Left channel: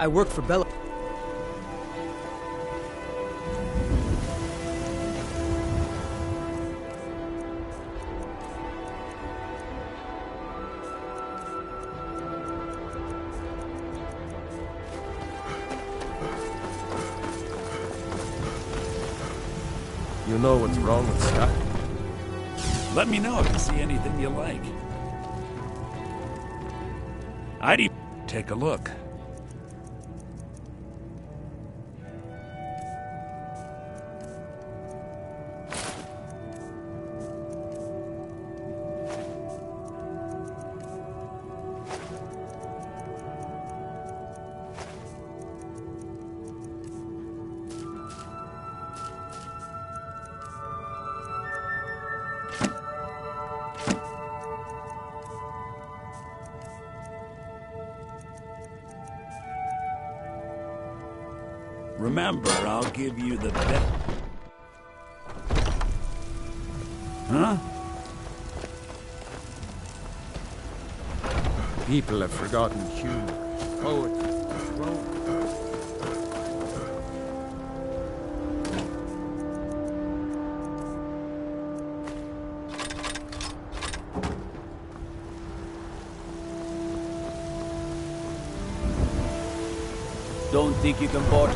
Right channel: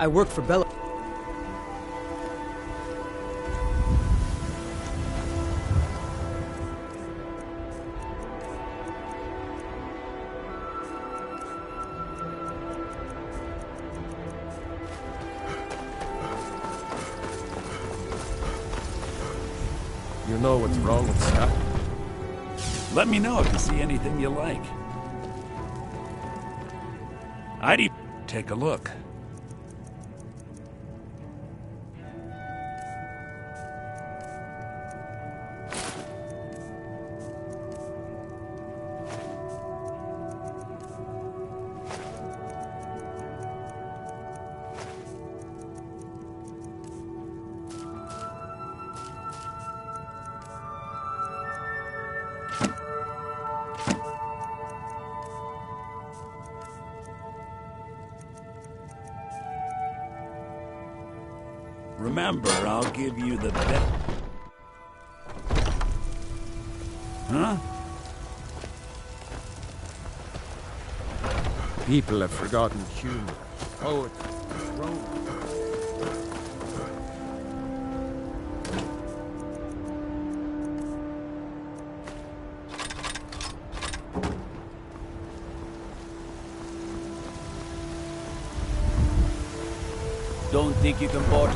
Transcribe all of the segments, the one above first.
I work for Bella. You know what's wrong with Sky? Let me know if you see anything you like. I'd even take a look. Remember, I'll give you the best. Huh? People have forgotten humor. Poetry. Romance. Don't think you can board.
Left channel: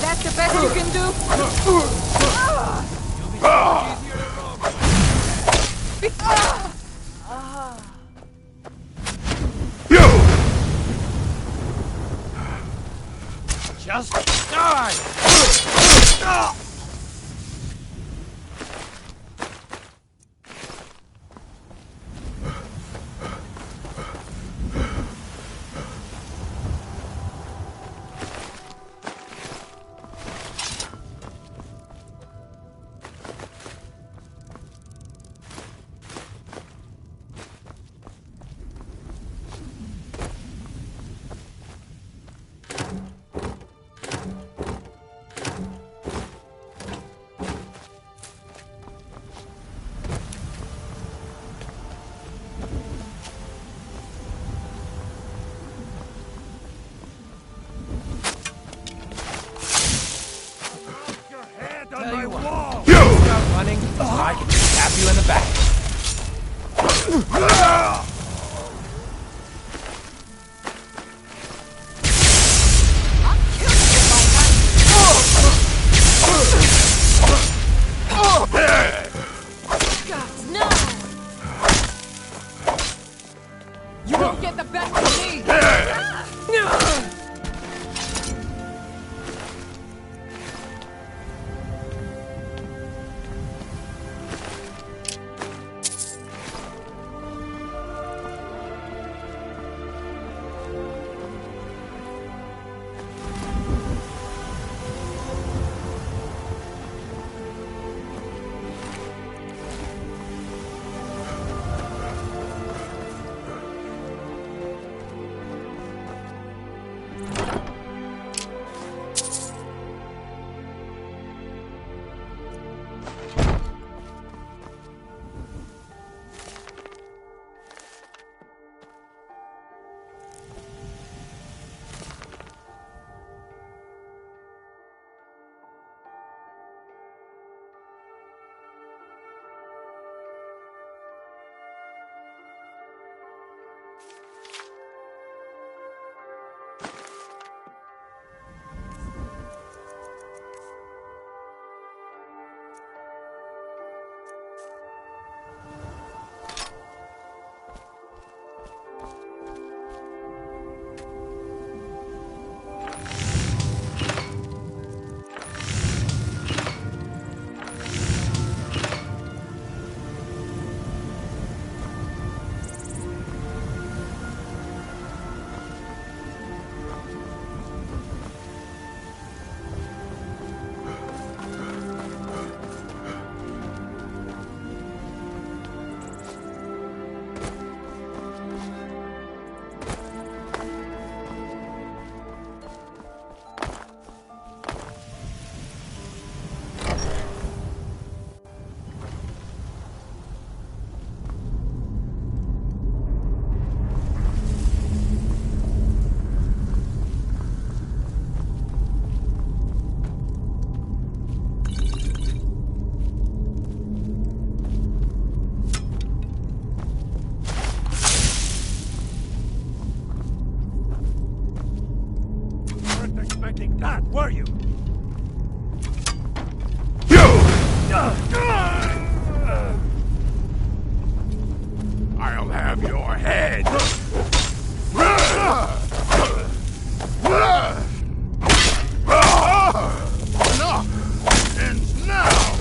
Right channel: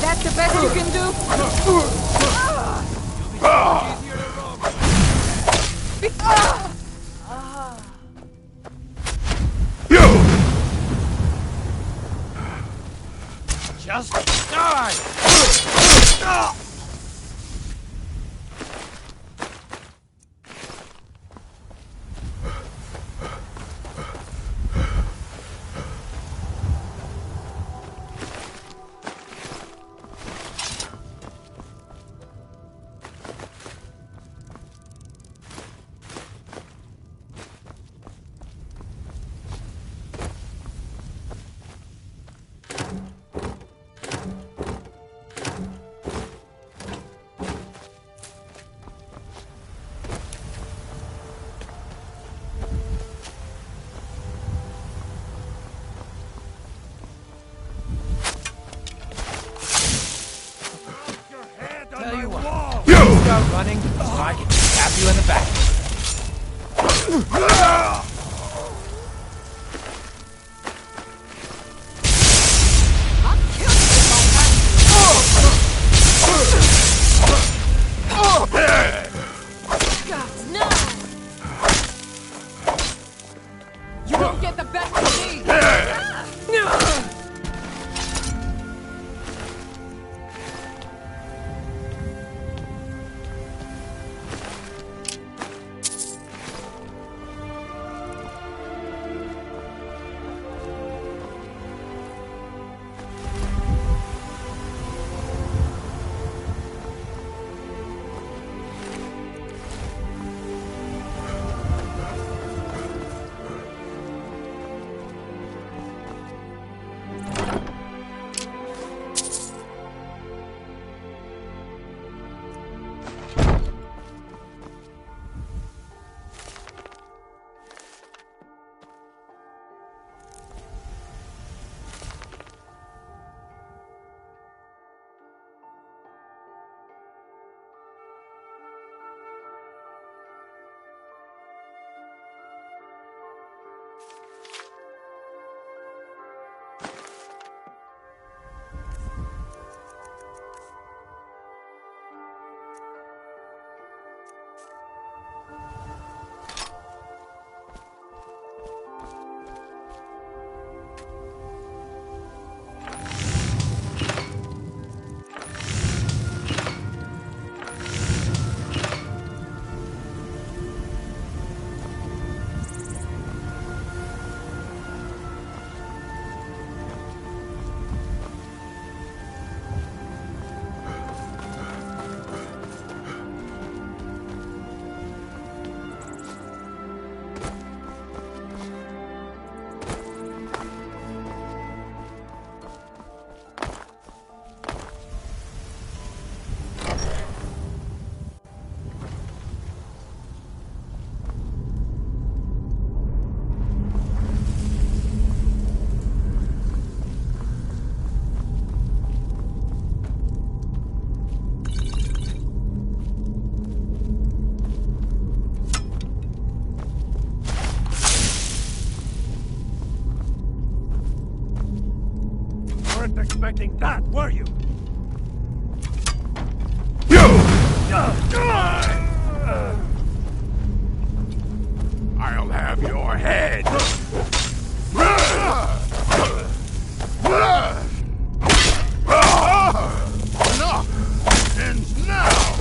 That's the best you can do? Just die! Tell you what, start running so I can stab you in the back. Don't get the best of me! Expecting that, were you? I'll have your head. Enough! Ends now!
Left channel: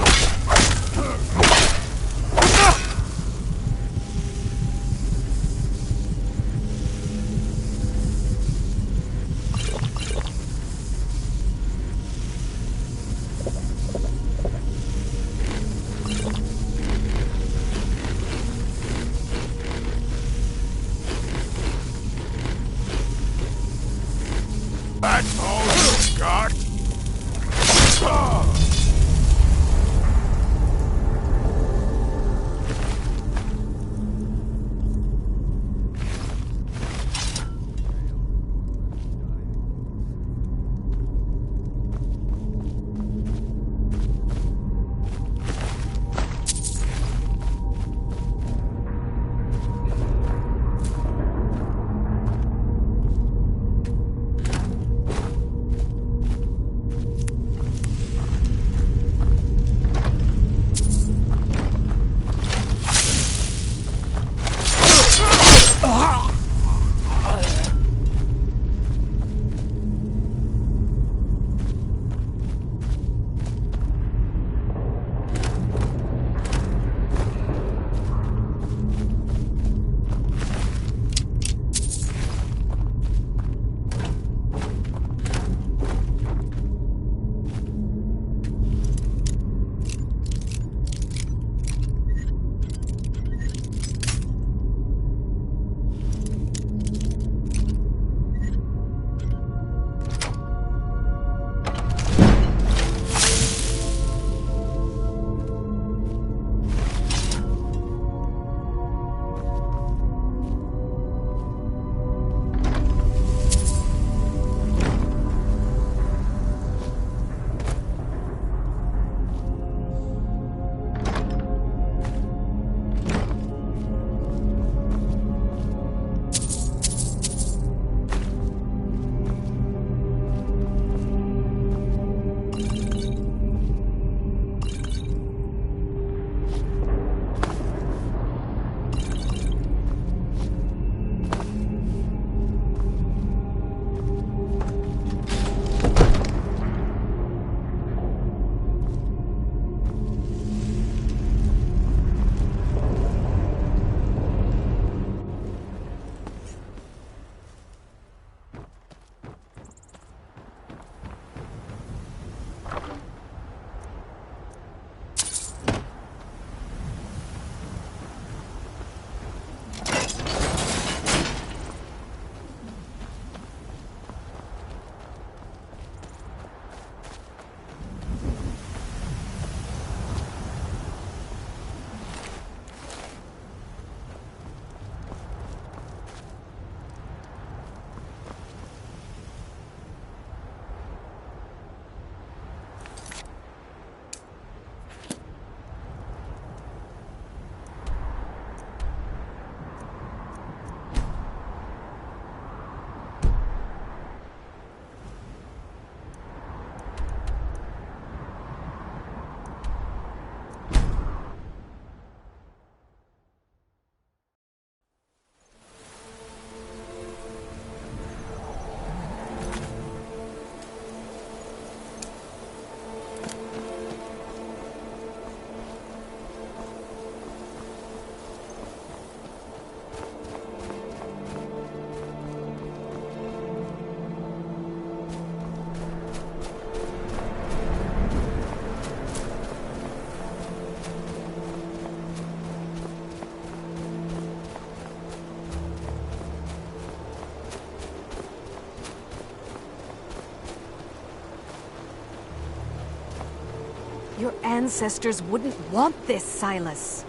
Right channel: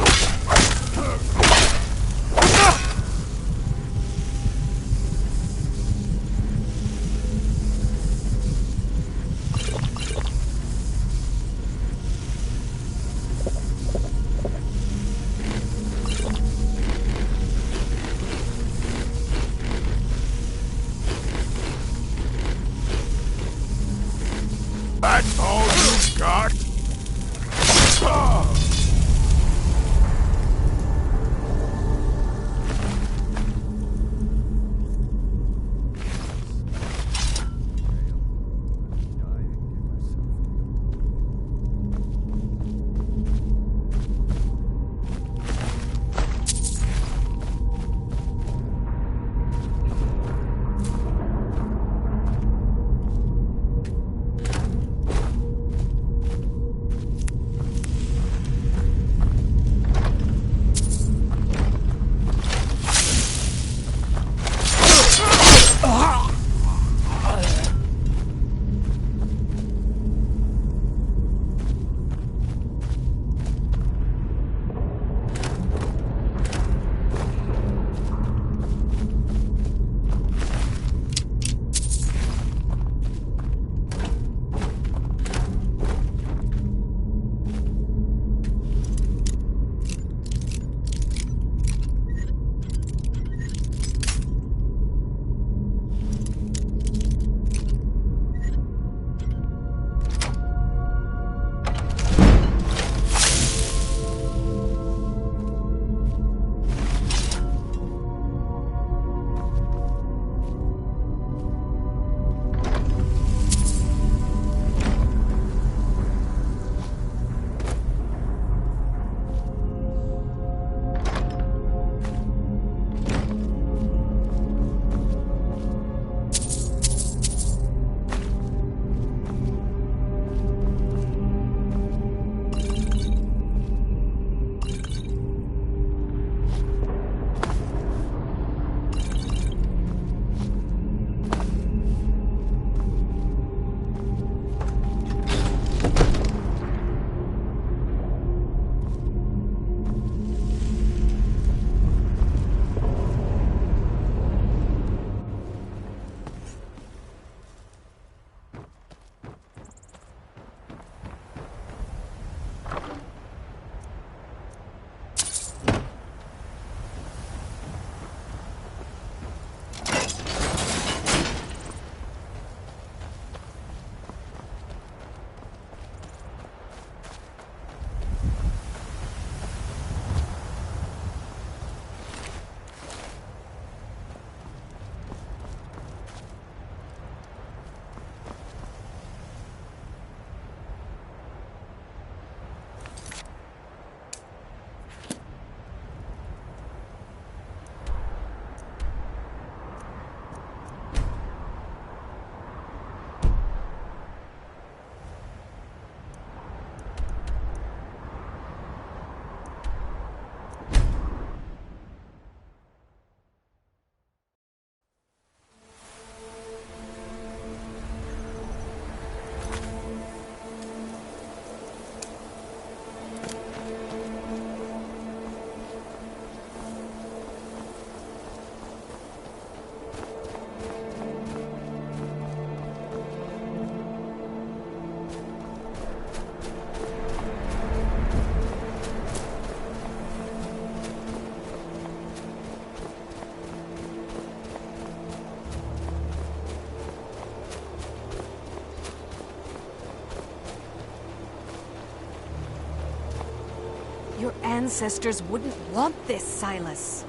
Your ancestors wouldn't want this, Silas.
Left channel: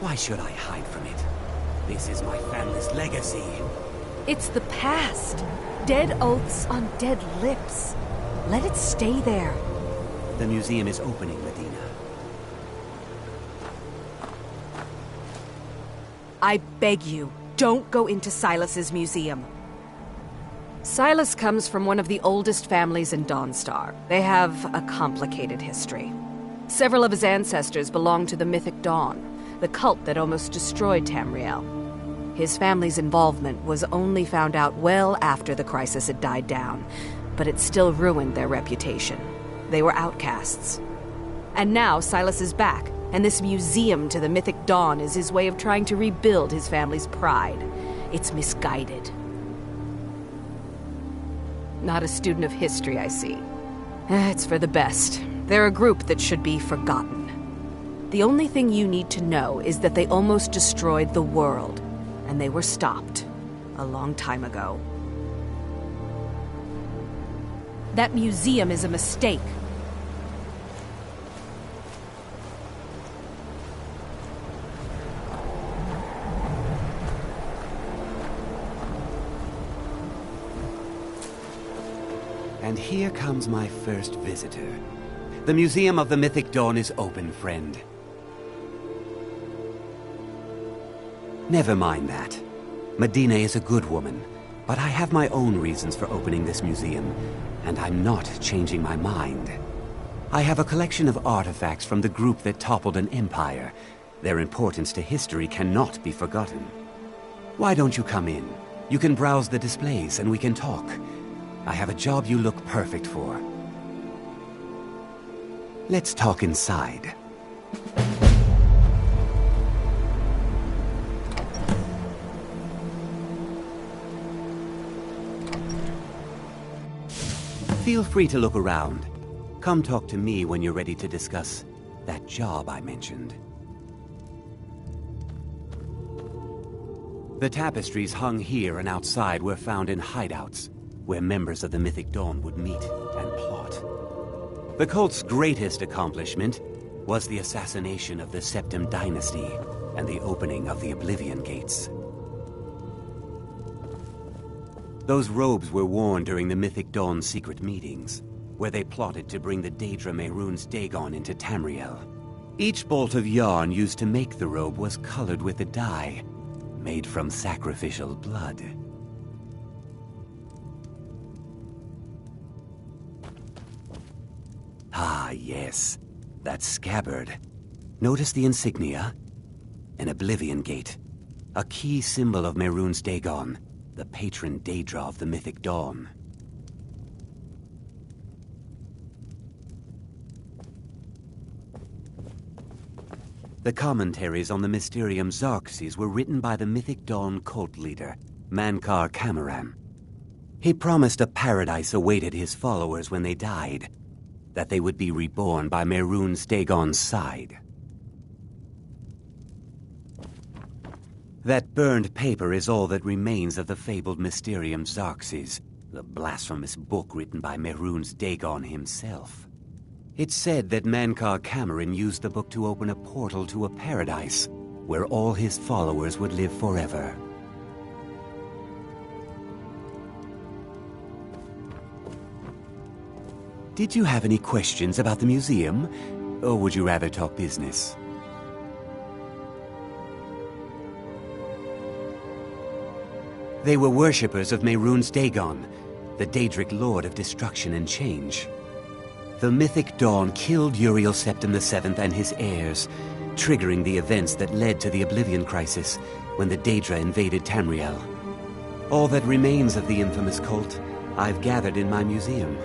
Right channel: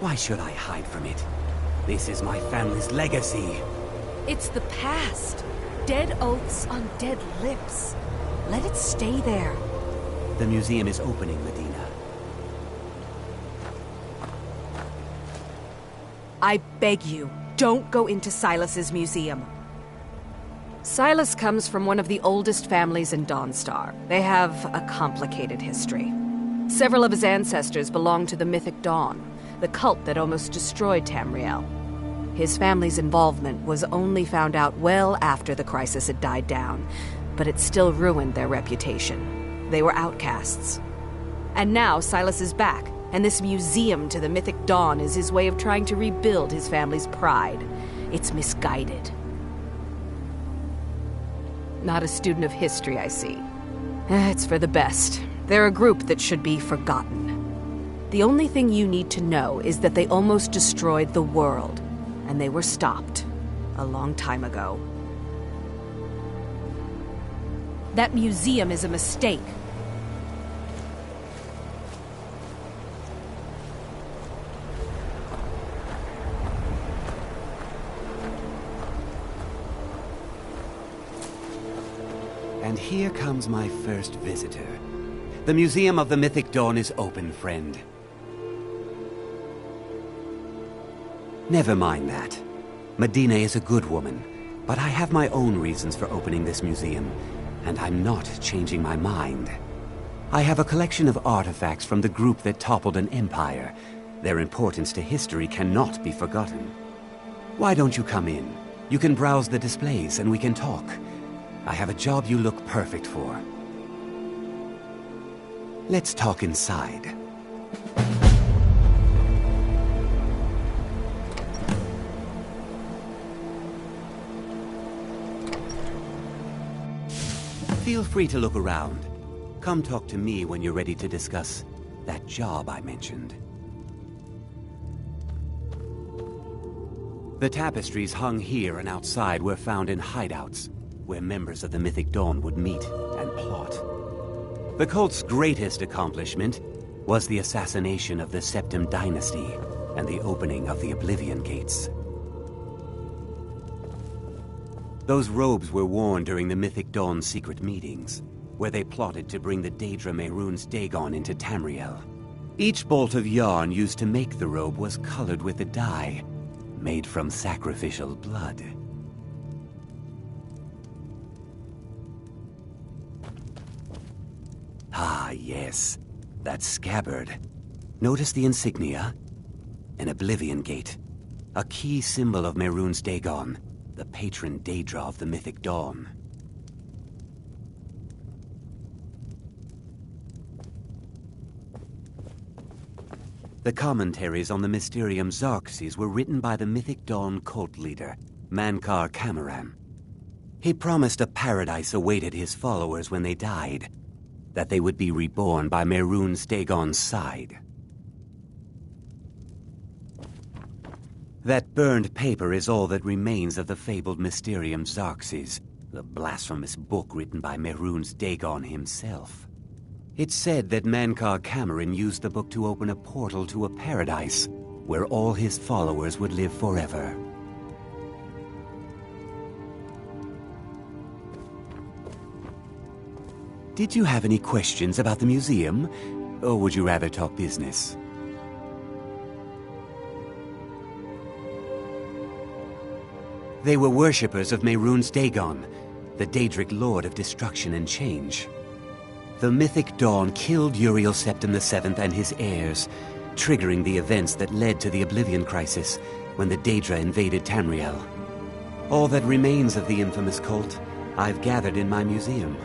Why should I hide from it? This is my family's legacy. It's the past. Dead oaths on dead lips. Let it stay there. The museum is opening, Medina. I beg you, don't go into Silas's museum. Silas comes from one of the oldest families in Dawnstar. They have a complicated history. Several of his ancestors belong to the Mythic Dawn, the cult that almost destroyed Tamriel. His family's involvement was only found out well after the crisis had died down, but it still ruined their reputation. They were outcasts. And now Silas is back, and this museum to the Mythic Dawn is his way of trying to rebuild his family's pride. It's misguided. Not a student of history, I see. It's for the best. They're a group that should be forgotten. The only thing you need to know is that they almost destroyed the world, and they were stopped a long time ago. That museum is a mistake. And here comes my first visitor. The Museum of the Mythic Dawn is open, friend. Never mind that. Medina is a good woman, but I have my own reasons for opening this museum, and I'm not changing my mind. I have a collection of artifacts from the group that toppled an empire. Their importance to history cannot be forgotten. Why don't you come in? You can browse the displays and we can talk. I have a job you look perfect for. Let's talk inside. Feel free to look around. Come talk to me when you're ready to discuss that job I mentioned. The tapestries hung here and outside were found in hideouts, where members of the Mythic Dawn would meet and plot. The cult's greatest accomplishment was the assassination of the Septim Dynasty and the opening of the Oblivion Gates. Those robes were worn during the Mythic Dawn's secret meetings, where they plotted to bring the Daedra Mehrunes Dagon into Tamriel. Each bolt of yarn used to make the robe was colored with a dye made from sacrificial blood. Ah, yes. That scabbard. Notice the insignia? An Oblivion Gate. A key symbol of Mehrunes Dagon, the patron Daedra of the Mythic Dawn. The commentaries on the Mysterium Xarxes were written by the Mythic Dawn cult leader, Mankar Camoran. He promised a paradise awaited his followers when they died, that they would be reborn by Mehrunes Dagon's side. That burned paper is all that remains of the fabled Mysterium Xarxes, the blasphemous book written by Mehrunes Dagon himself. It's said that Mankar Camoran used the book to open a portal to a paradise, where all his followers would live forever. Did you have any questions about the museum, or would you rather talk business? They were worshippers of Mehrunes Dagon, the Daedric Lord of Destruction and Change. The Mythic Dawn killed Uriel Septim VII and his heirs, triggering the events that led to the Oblivion Crisis when the Daedra invaded Tamriel. All that remains of the infamous cult I've gathered in my museum.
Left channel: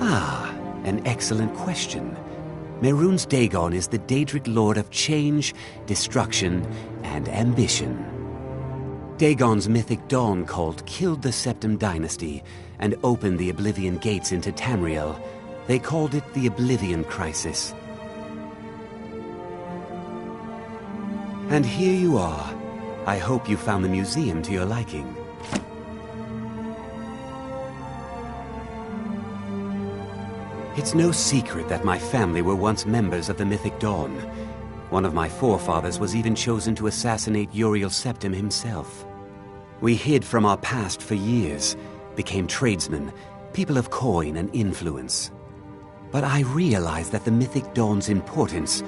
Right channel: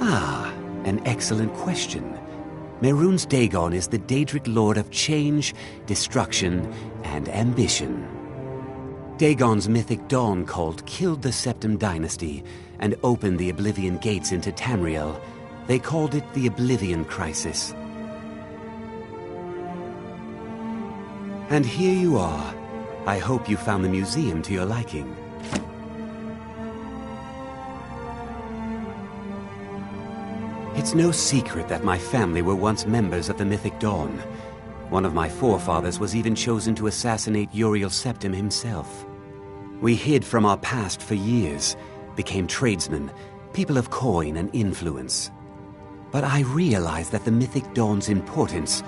Ah, an excellent question. Mehrunes Dagon is the Daedric Lord of Change, Destruction, and Ambition. Dagon's Mythic Dawn cult killed the Septim Dynasty and opened the Oblivion Gates into Tamriel. They called it the Oblivion Crisis. And here you are. I hope you found the museum to your liking. It's no secret that my family were once members of the Mythic Dawn. One of my forefathers was even chosen to assassinate Uriel Septim himself. We hid from our past for years, became tradesmen, people of coin and influence. But I realized that the Mythic Dawn's importance,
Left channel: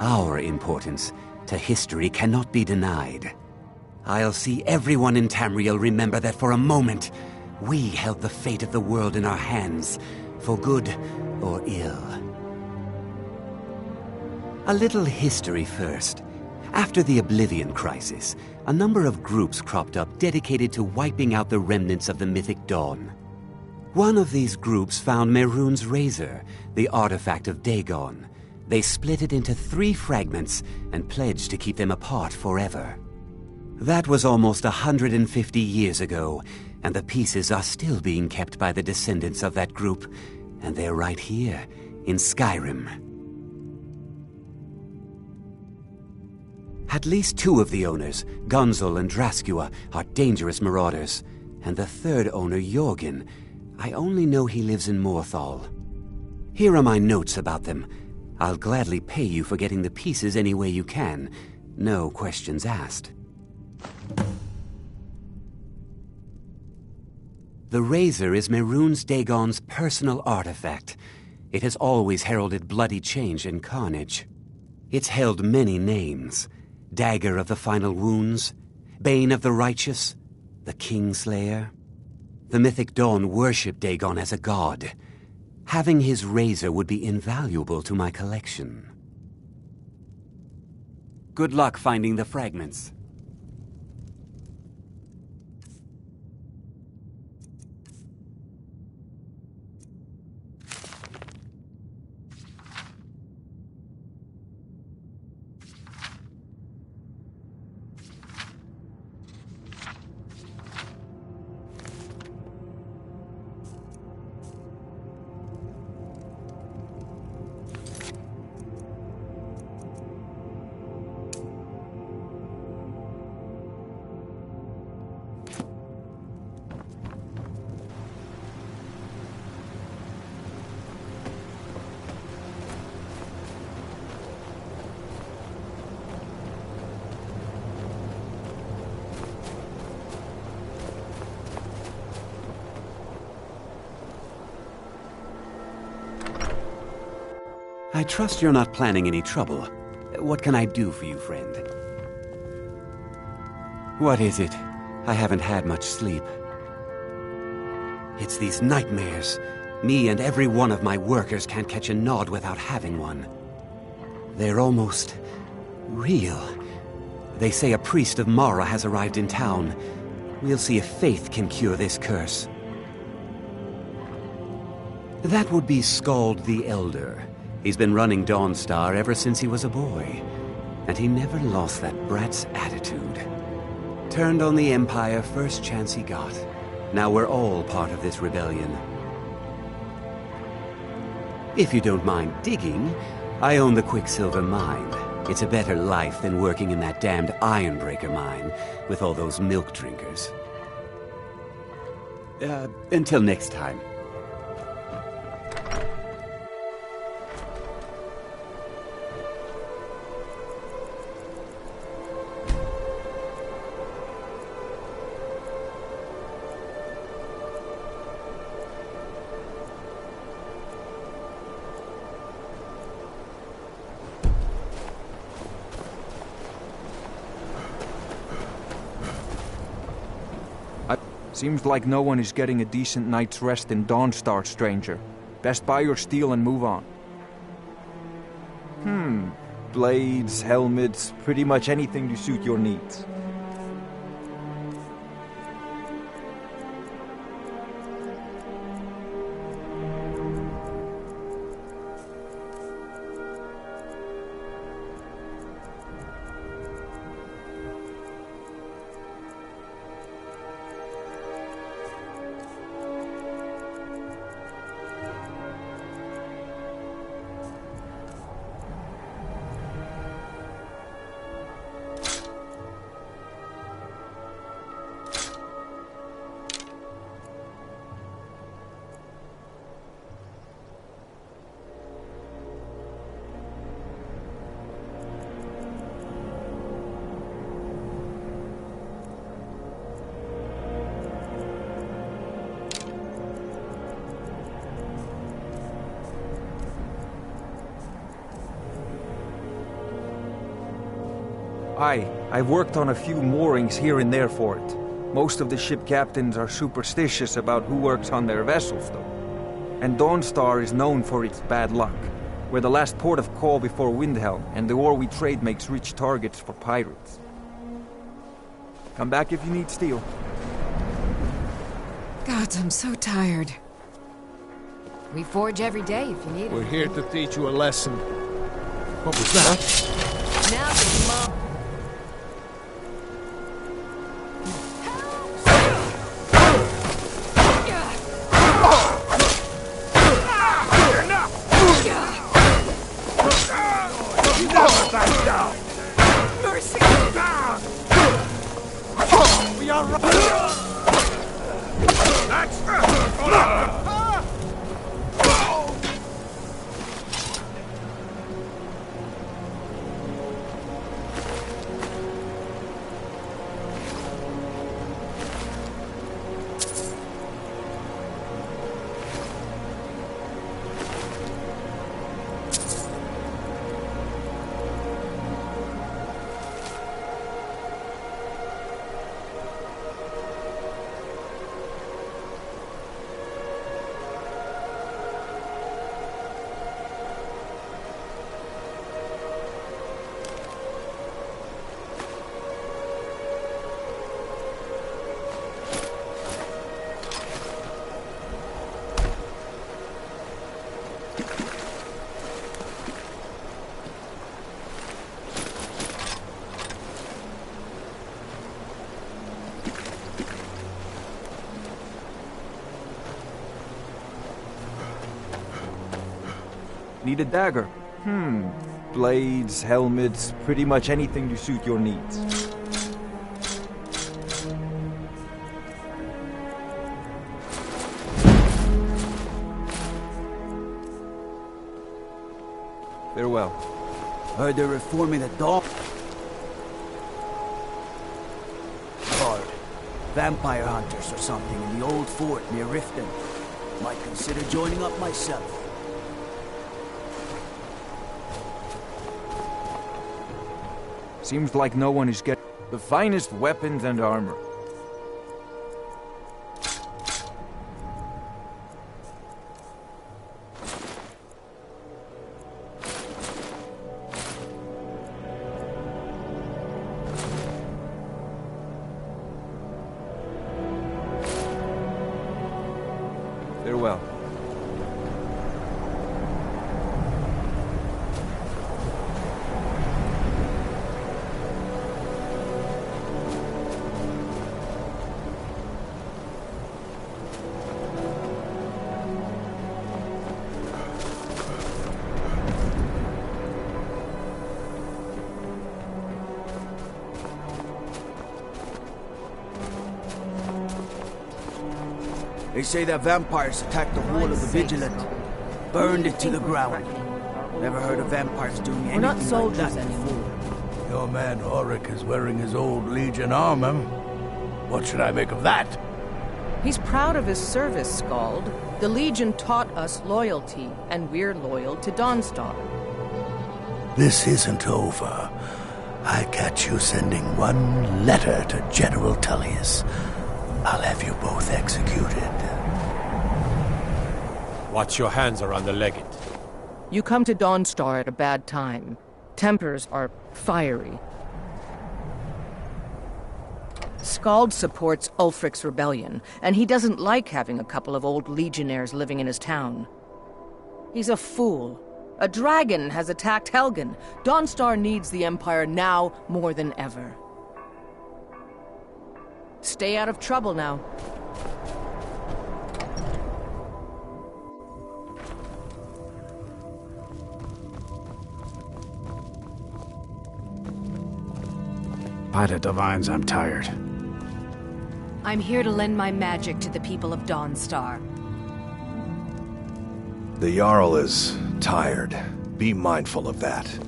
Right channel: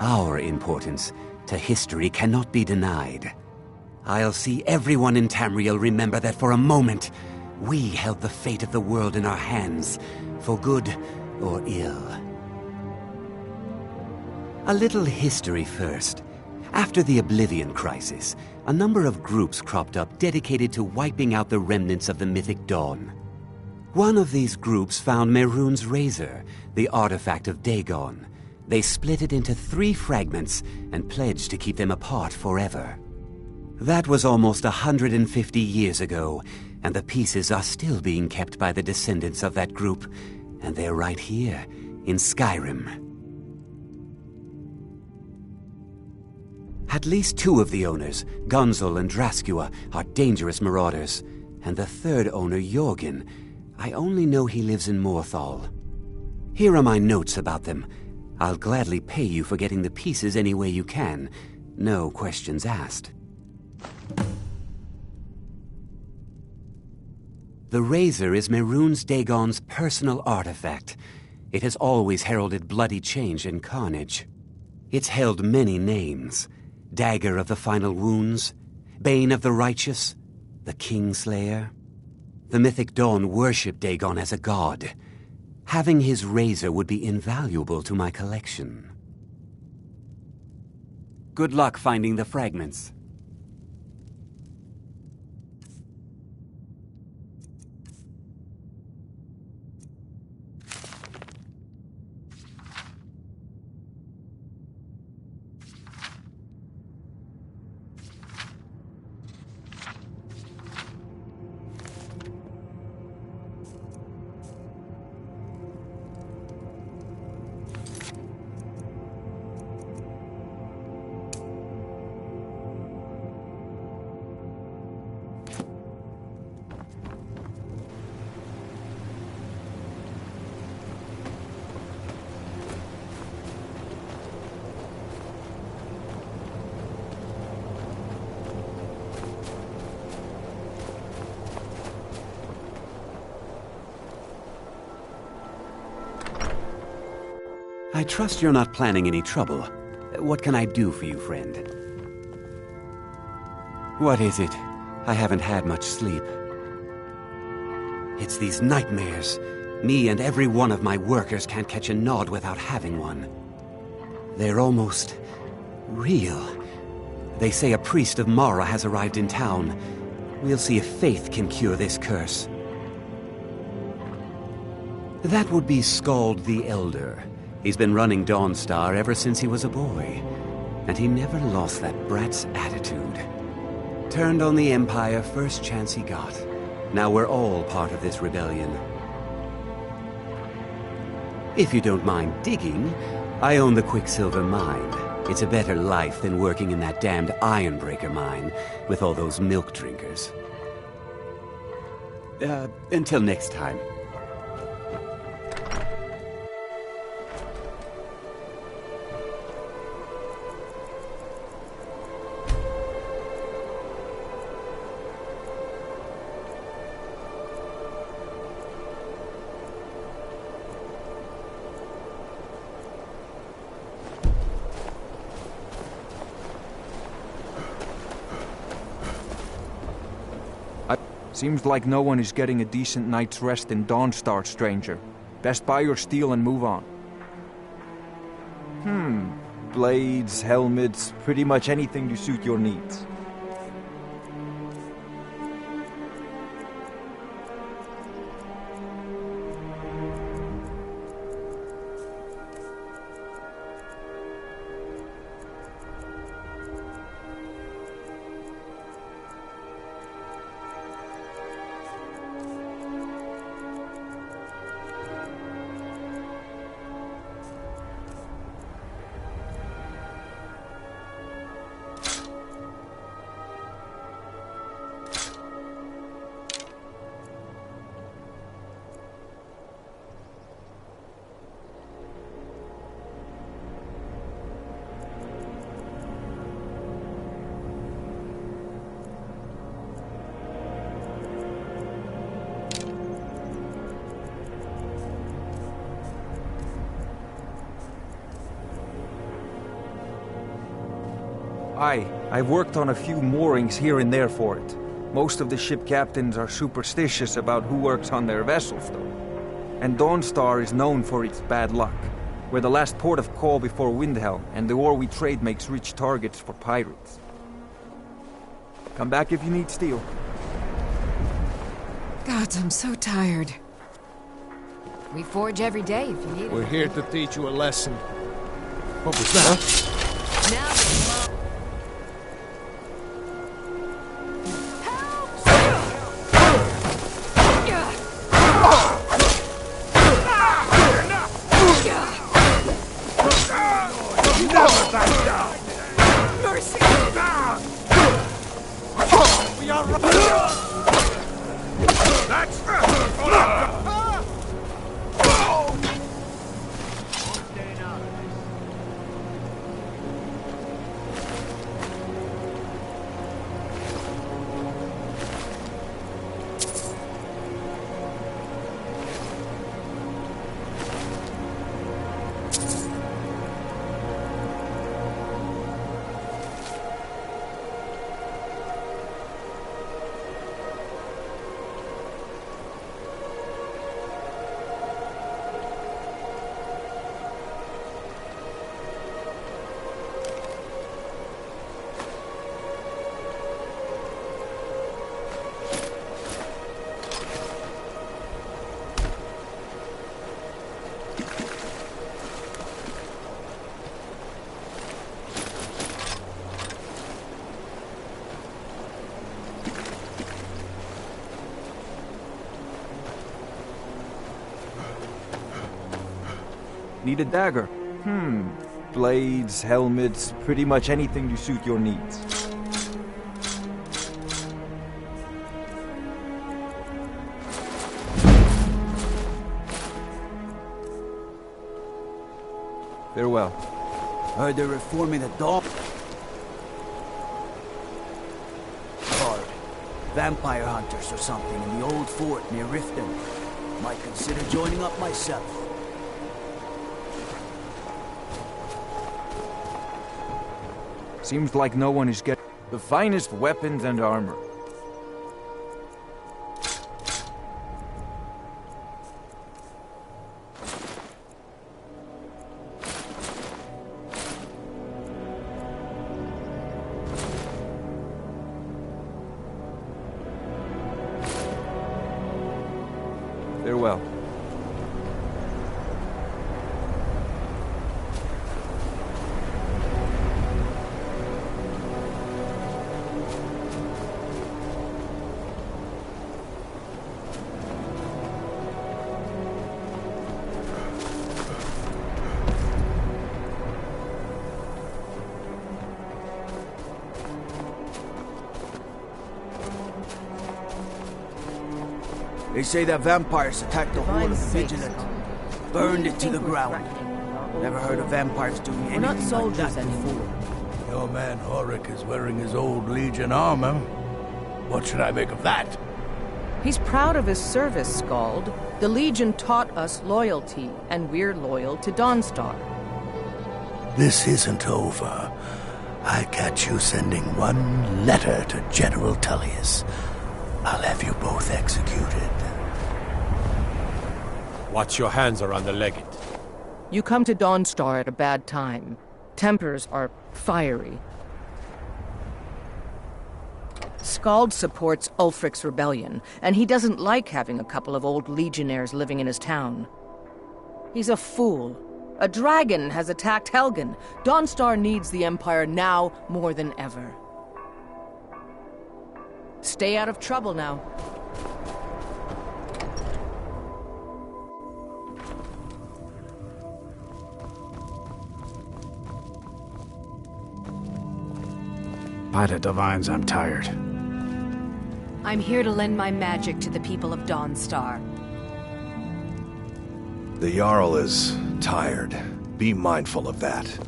our importance, to history cannot be denied. I'll see everyone in Tamriel remember that for a moment, we held the fate of the world in our hands, for good or ill. A little history first. After the Oblivion Crisis, a number of groups cropped up dedicated to wiping out the remnants of the Mythic Dawn. One of these groups found Mehrunes' razor, the artifact of Dagon. They split it into 3 fragments and pledged to keep them apart forever. That was almost 150 years ago, and the pieces are still being kept by the descendants of that group, and they're right here, in Skyrim. At least 2 of the owners, Gunzel and Draskua, are dangerous marauders, and the 3rd owner, Jorgen, I only know he lives in Morthal. Here are my notes about them. I'll gladly pay you for getting the pieces any way you can. No questions asked. The razor is Mehrunes Dagon's personal artifact. It has always heralded bloody change and carnage. It's held many names. Dagger of the Final Wounds, Bane of the Righteous, the Kingslayer. The Mythic Dawn worship Dagon as a god. Having his razor would be invaluable to my collection. Good luck finding the fragments. I trust you're not planning any trouble. What can I do for you, friend? What is it? I haven't had much sleep. It's these nightmares. Me and every one of my workers can't catch a nod without having one. They're almost real. They say a priest of Mara has arrived in town. We'll see if faith can cure this curse. That would be Skald the Elder. He's been running Dawnstar ever since he was a boy, and he never lost that brat's attitude. Turned on the Empire first chance he got. Now we're all part of this rebellion. If you don't mind digging, I own the Quicksilver Mine. It's a better life than working in that damned Ironbreaker mine with all those milk drinkers. Until next time. Seems like no one is getting a decent night's rest in Dawnstar, stranger. Best buy or steal and move on. Blades, helmets, pretty much anything to suit your needs. I've worked on a few moorings here and there for it. Most of the ship captains are superstitious about who works on their vessels, though. And Dawnstar is known for its bad luck. We're the last port of call before Windhelm, and the ore we trade makes rich targets for pirates. Come back if you need steel. God, I'm so tired. We forge every day if you need it. We're here to teach you a lesson. What was that? Now get mom. Mercy! We are right. That's Need a dagger? Blades, helmets, pretty much anything to suit your needs. Farewell. Heard they're reforming the dog. Guard. Vampire hunters or something in the old fort near Riften. Might consider joining up myself. Seems like no one is getting the finest weapons and armor. Farewell. They say that vampires attacked the hall of the Vigilant. Burned it to the ground. Never heard of vampires doing anything We're not soldiers like that anymore. Your man Auric is wearing his old Legion armor. What should I make of that? He's proud of his service, Scald. The Legion taught us loyalty, and we're loyal to Dawnstar. This isn't over. I catch you sending one letter to General Tullius. I'll have you both executed. Watch your hands around the legate. You come to Dawnstar at a bad time. Tempers are fiery. Scald supports Ulfric's rebellion, and he doesn't like having a couple of old legionnaires living in his town. He's a fool. A dragon has attacked Helgen. Dawnstar needs the Empire now more than ever. Stay out of trouble now. By the divines, I'm tired. I'm here to lend my magic to the people of Dawnstar. The Jarl is tired. Be mindful of that.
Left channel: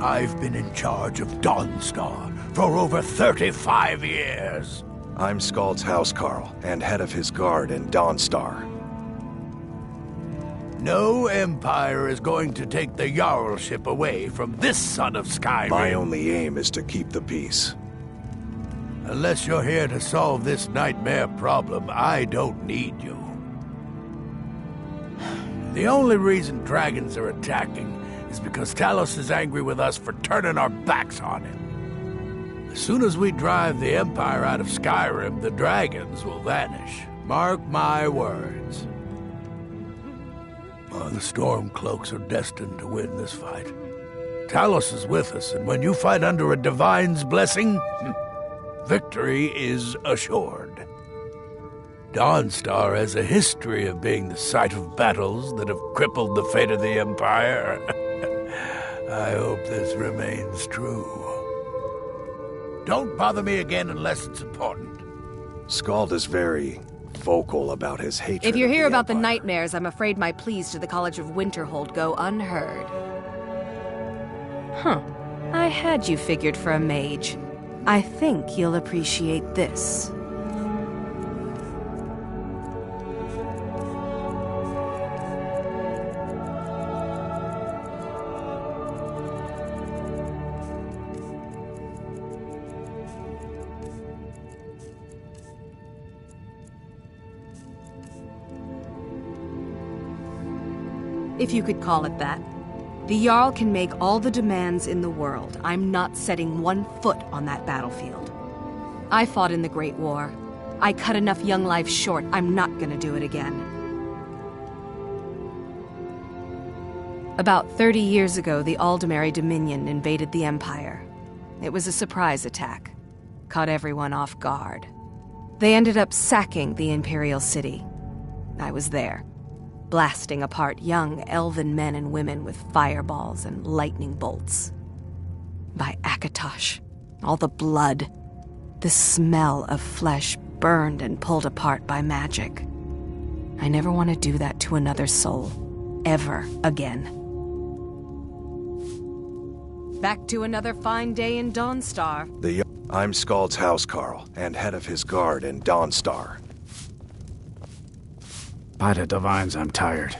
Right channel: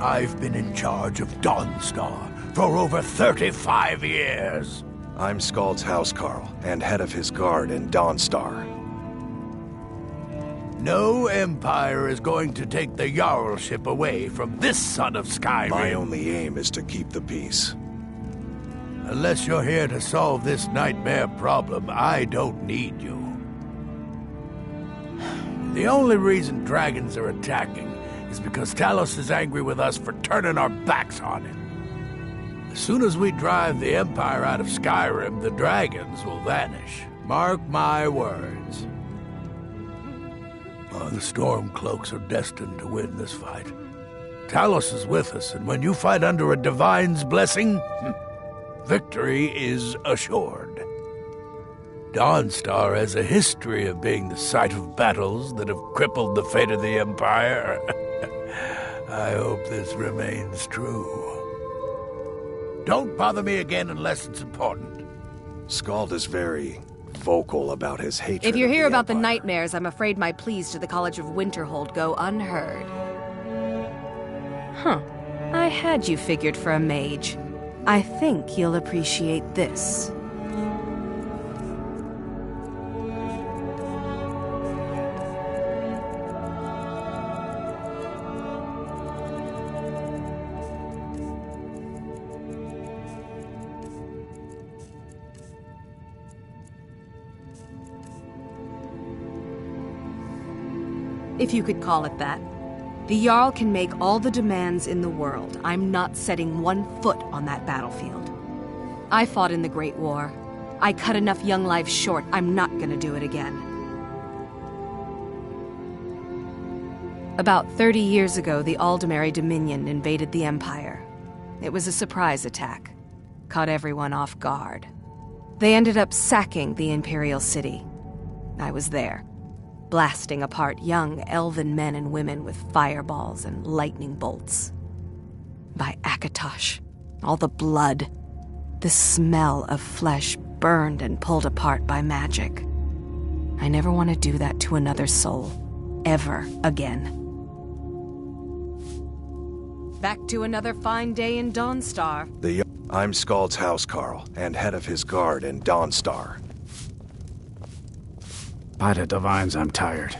I've been in charge of Dawnstar for over 35 years. I'm Skald's housecarl, and head of his guard in Dawnstar. No Empire is going to take the Jarlship away from this son of Skyrim. My only aim is to keep the peace. Unless you're here to solve this nightmare problem, I don't need you. The only reason dragons are attacking is because Talos is angry with us for turning our backs on him. As soon as we drive the Empire out of Skyrim, the dragons will vanish. Mark my words. The Stormcloaks are destined to win this fight. Talos is with us, and when you fight under a divine's blessing, victory is assured. Dawnstar has a history of being the site of battles that have crippled the fate of the Empire. I hope this remains true. Don't bother me again unless it's important. Skald is very vocal about his hatred. If you're here about the Empire. nightmares, I'm afraid my pleas to the College of Winterhold go unheard. Huh. I had you figured for a mage. I think you'll appreciate this. If you could call it that. The Jarl can make all the demands in the world. I'm not setting one foot on that battlefield. I fought in the Great War. I cut enough young lives short. I'm not gonna do it again. About 30 years ago, the Aldemary Dominion invaded the Empire. It was a surprise attack. Caught everyone off guard. They ended up sacking the Imperial City. I was there, blasting apart young elven men and women with fireballs and lightning bolts. By Akatosh, all the blood, the smell of flesh burned and pulled apart by magic. I never want to do that to another soul, ever again. Back to another fine day in Dawnstar. I'm Skald's housecarl, and head of his guard in Dawnstar. By the divines, I'm tired.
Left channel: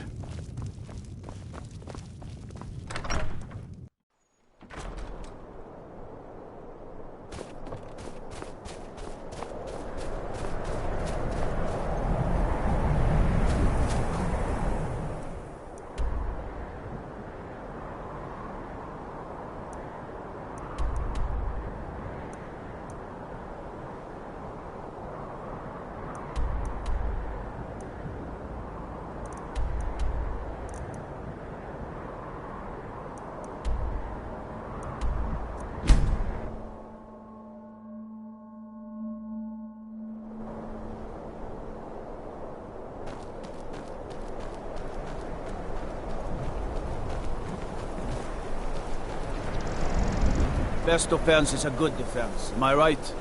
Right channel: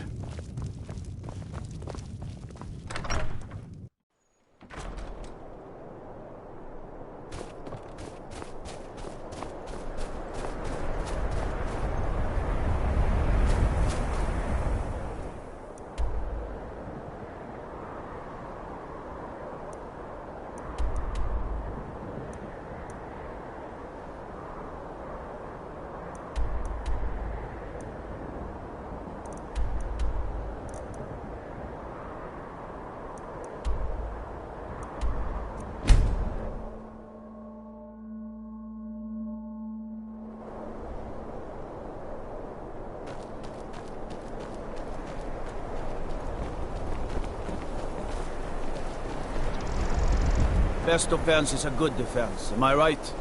Best defense is a good defense, am I right?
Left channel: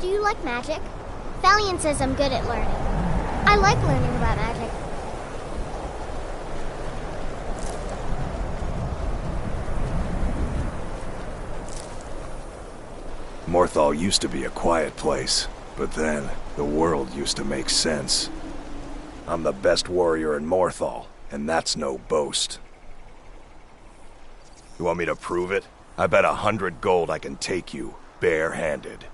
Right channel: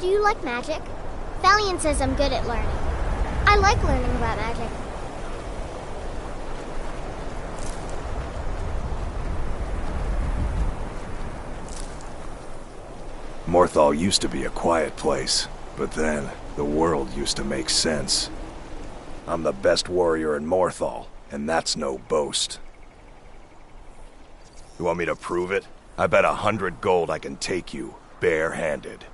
Do you like magic? Valiant says I'm good at learning. I like learning about magic. Morthal used to be a quiet place, but then the world used to make sense. I'm the best warrior in Morthal, and that's no boast. You want me to prove it? I bet 100 gold I can take you, bare-handed.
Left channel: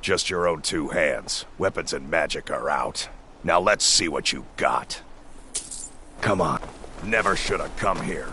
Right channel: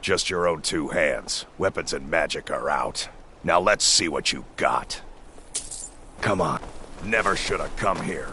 Just your own two hands. Weapons and magic are out. Now let's see what you got. Come on. Never should have come here.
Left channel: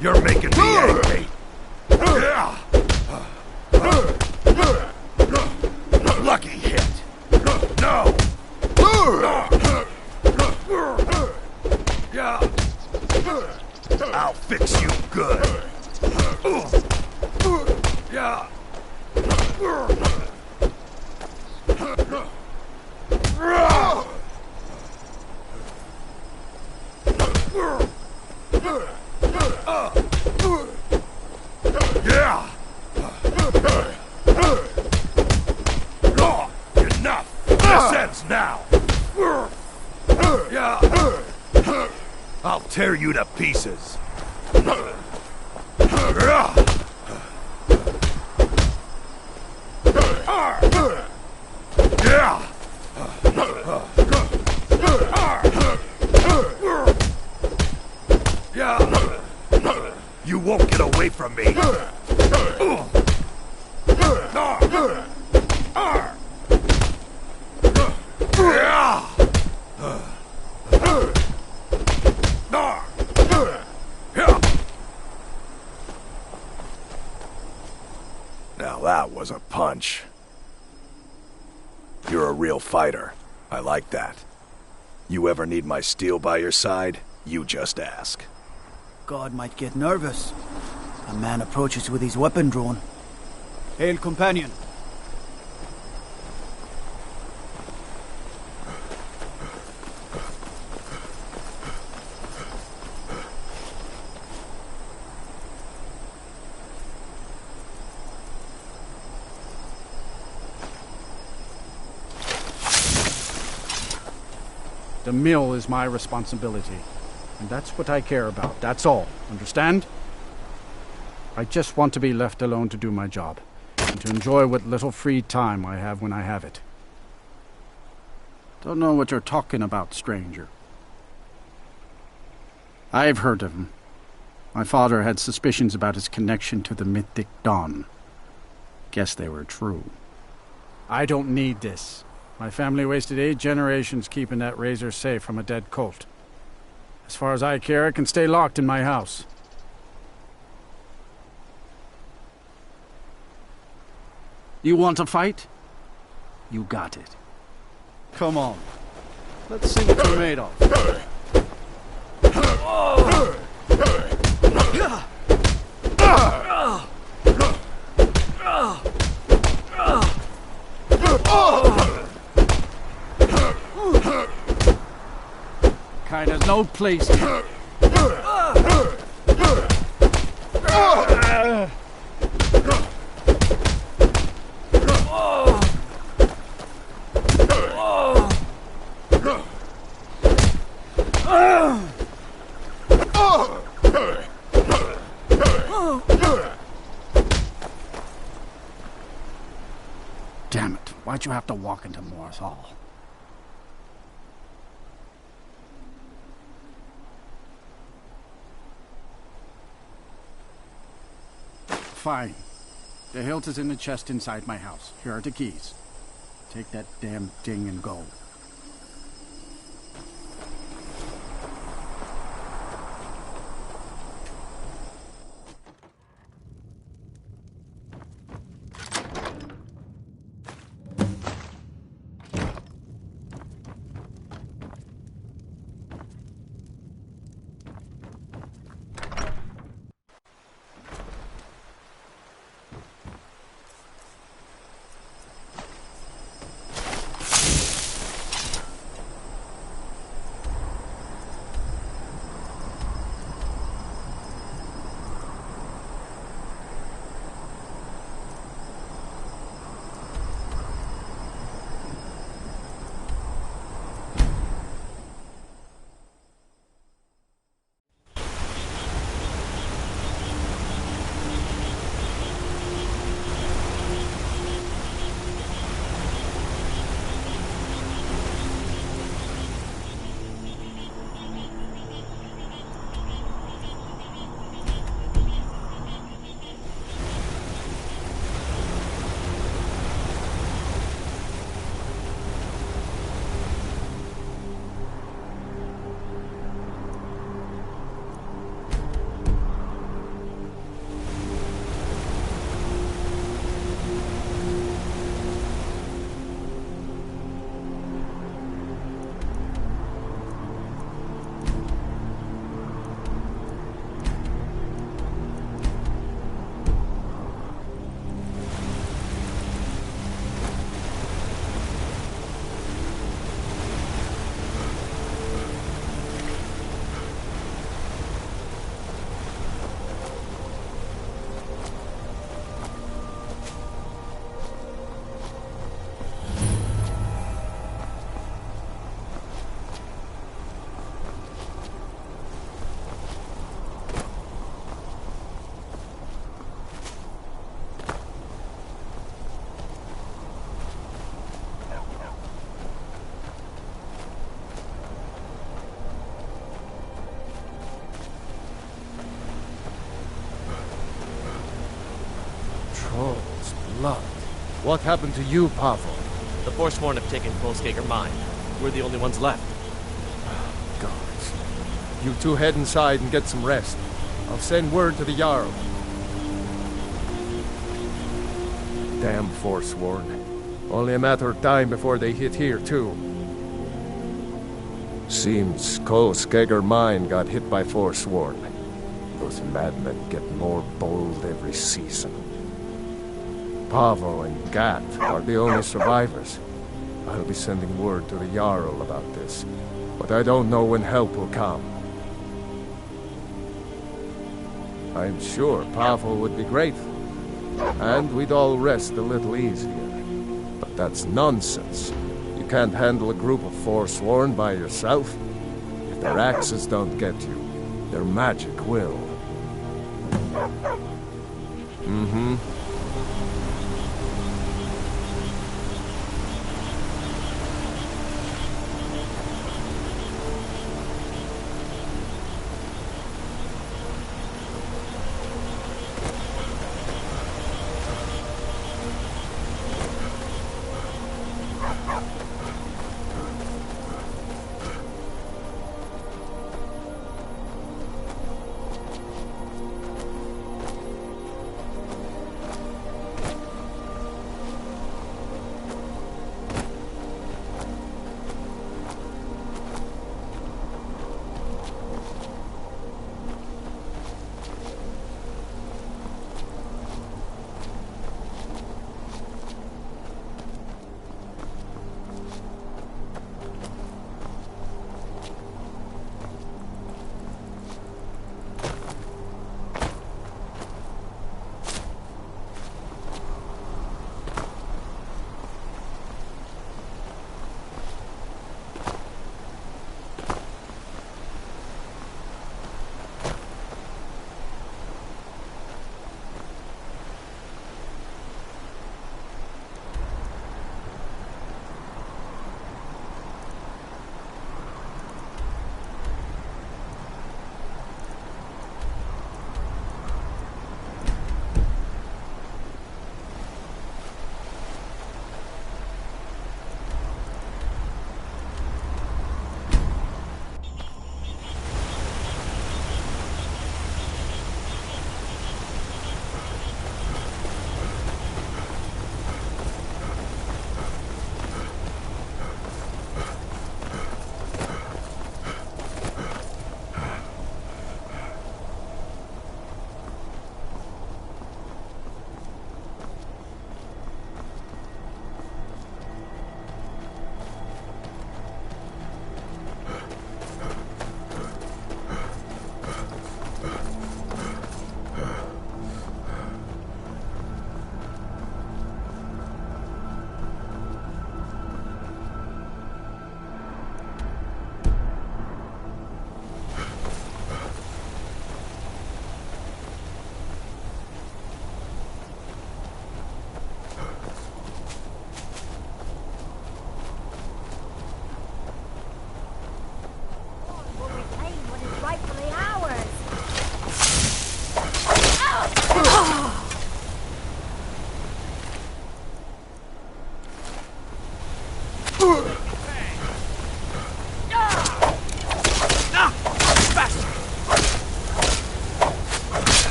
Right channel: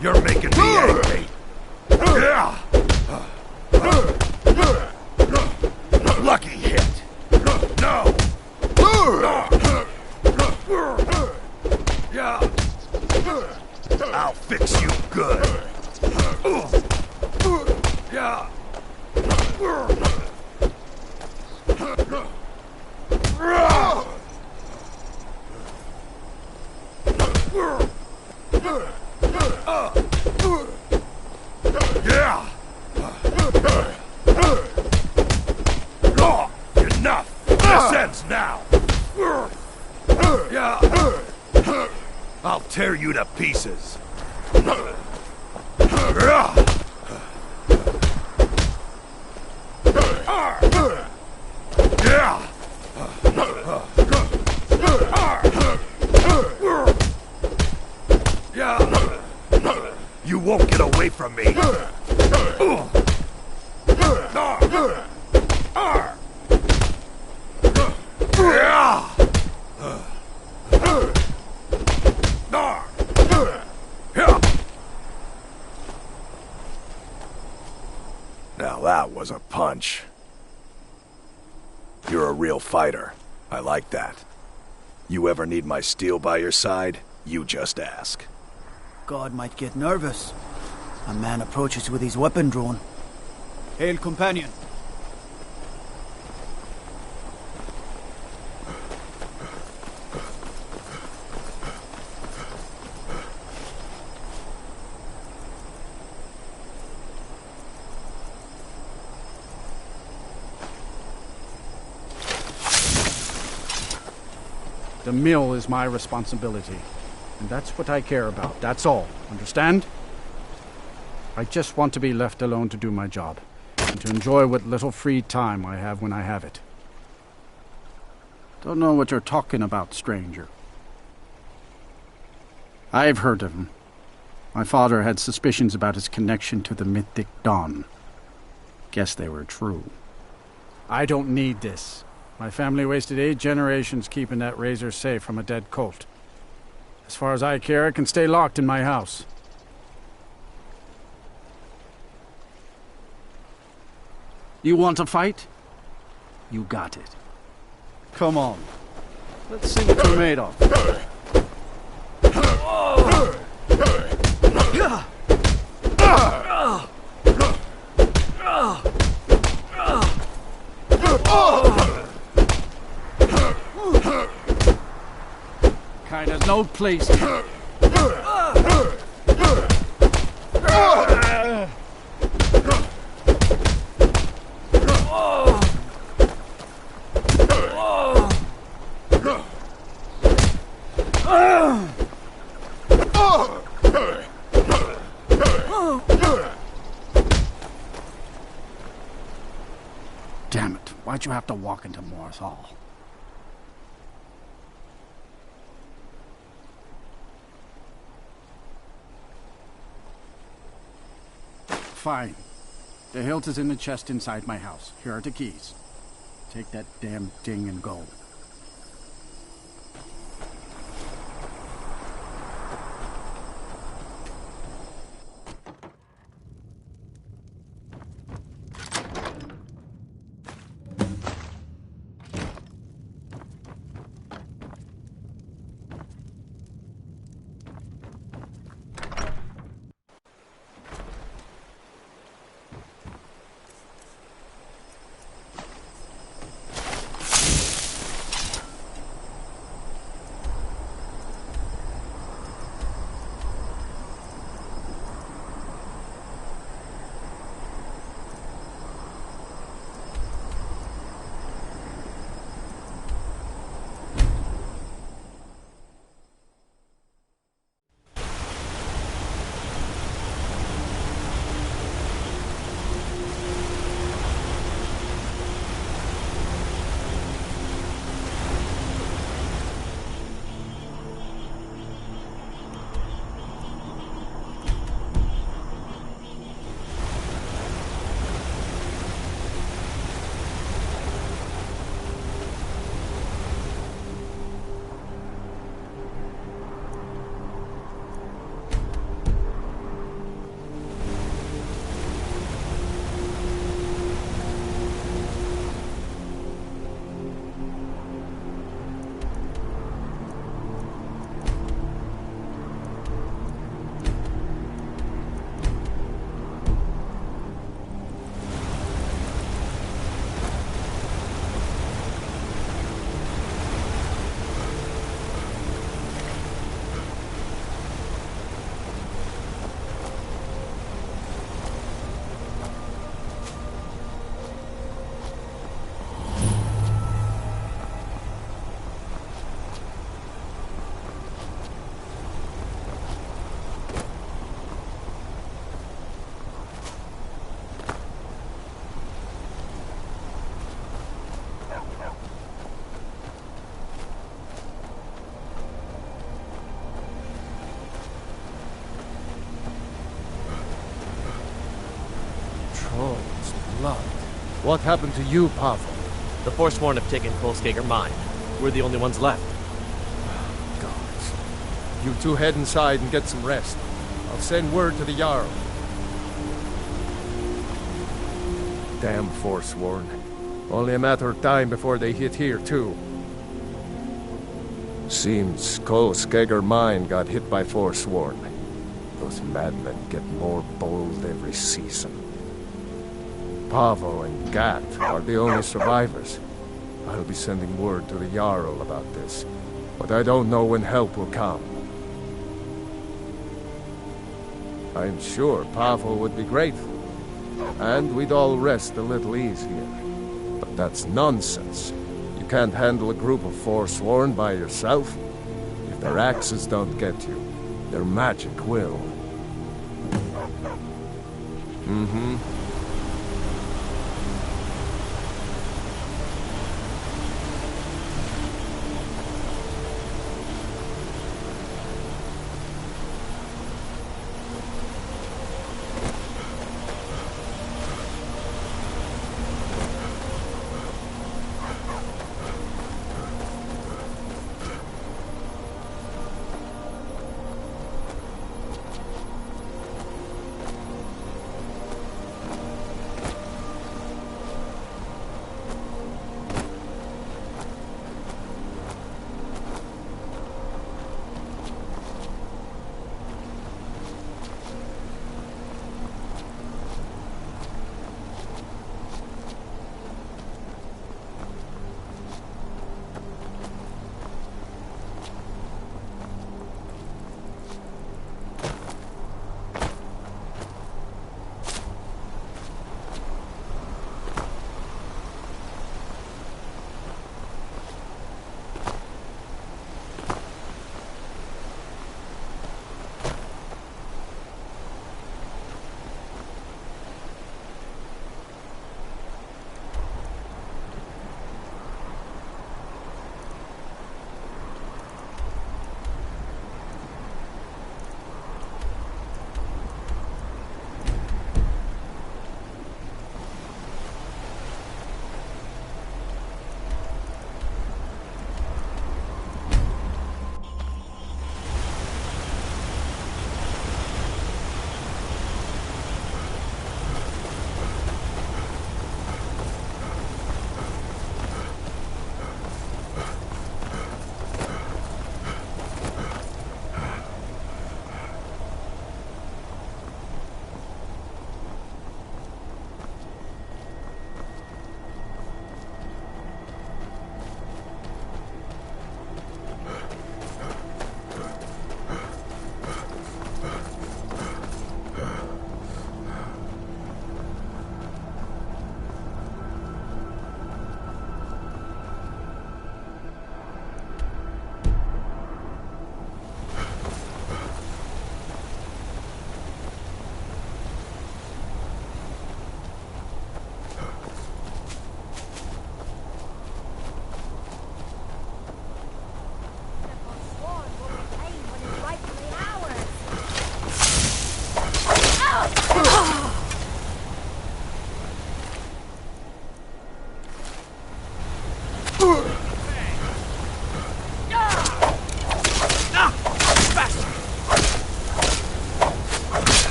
You're making me angry. Lucky hit. No. I'll fix you good. tear you to pieces. You won't get away from me. Now that was a punch. You're a real fighter. I like that. You ever need my steel by your side, you just ask. God might get nervous. A man approaches with his weapon drawn. Hail, companion. The mill is my responsibility. And that's what I care about. That's all. Understand? I just want to be left alone to do my job. And to enjoy what little free time I have when I have it. Don't know what you're talking about, stranger. I've heard of him. My father had suspicions about his connection to the mythic Dawn. Guess they were true. I don't need this. My family wasted 8 generations keeping that razor safe from a dead cult. As far as I care, it can stay locked in my house. You want to fight? You got it. Come on. Let's see what you're made of. Kind of no place here. Damn it, why'd you have to walk into Morris Hall? Fine. The hilt is in the chest inside my house. Here are the keys. Take that damn thing and go. Cole's blood. What happened to you, Pavel? The Forsworn have taken Kolskager mine. We're the only ones left. Gods. You two head inside and get some rest. I'll send word to the Jarl. Damn Forsworn. Only a matter of time before they hit here, too. Seems Kolskager mine got hit by Forsworn. Those madmen get more bold every season. Pavo and Gat are the only survivors. I'll be sending word to the Jarl about this, but I don't know when help will come. I'm sure Pavo would be grateful, and we'd all rest a little easier. But that's nonsense. You can't handle a group of Forsworn by yourself. If their axes don't get you, their magic will. Mm-hmm.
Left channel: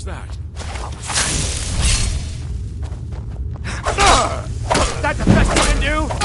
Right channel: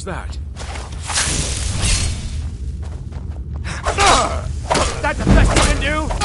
was that? That's the best you can do?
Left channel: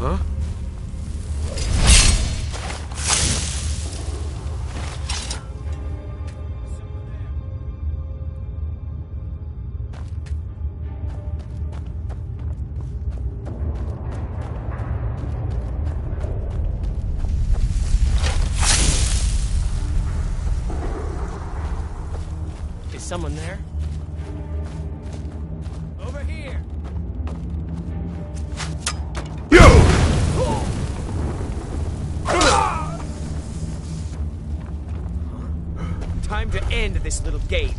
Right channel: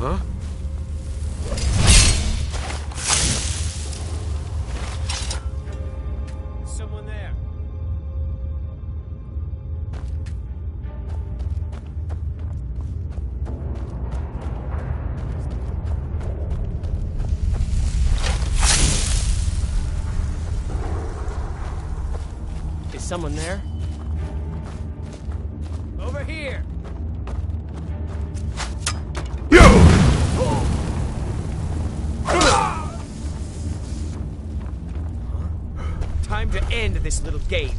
Huh? Someone there. Is someone there? Over here. Time to end this little game.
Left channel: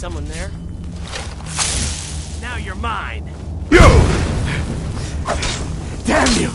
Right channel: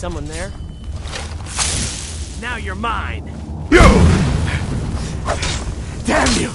someone there? Now you're mine. You! Damn you!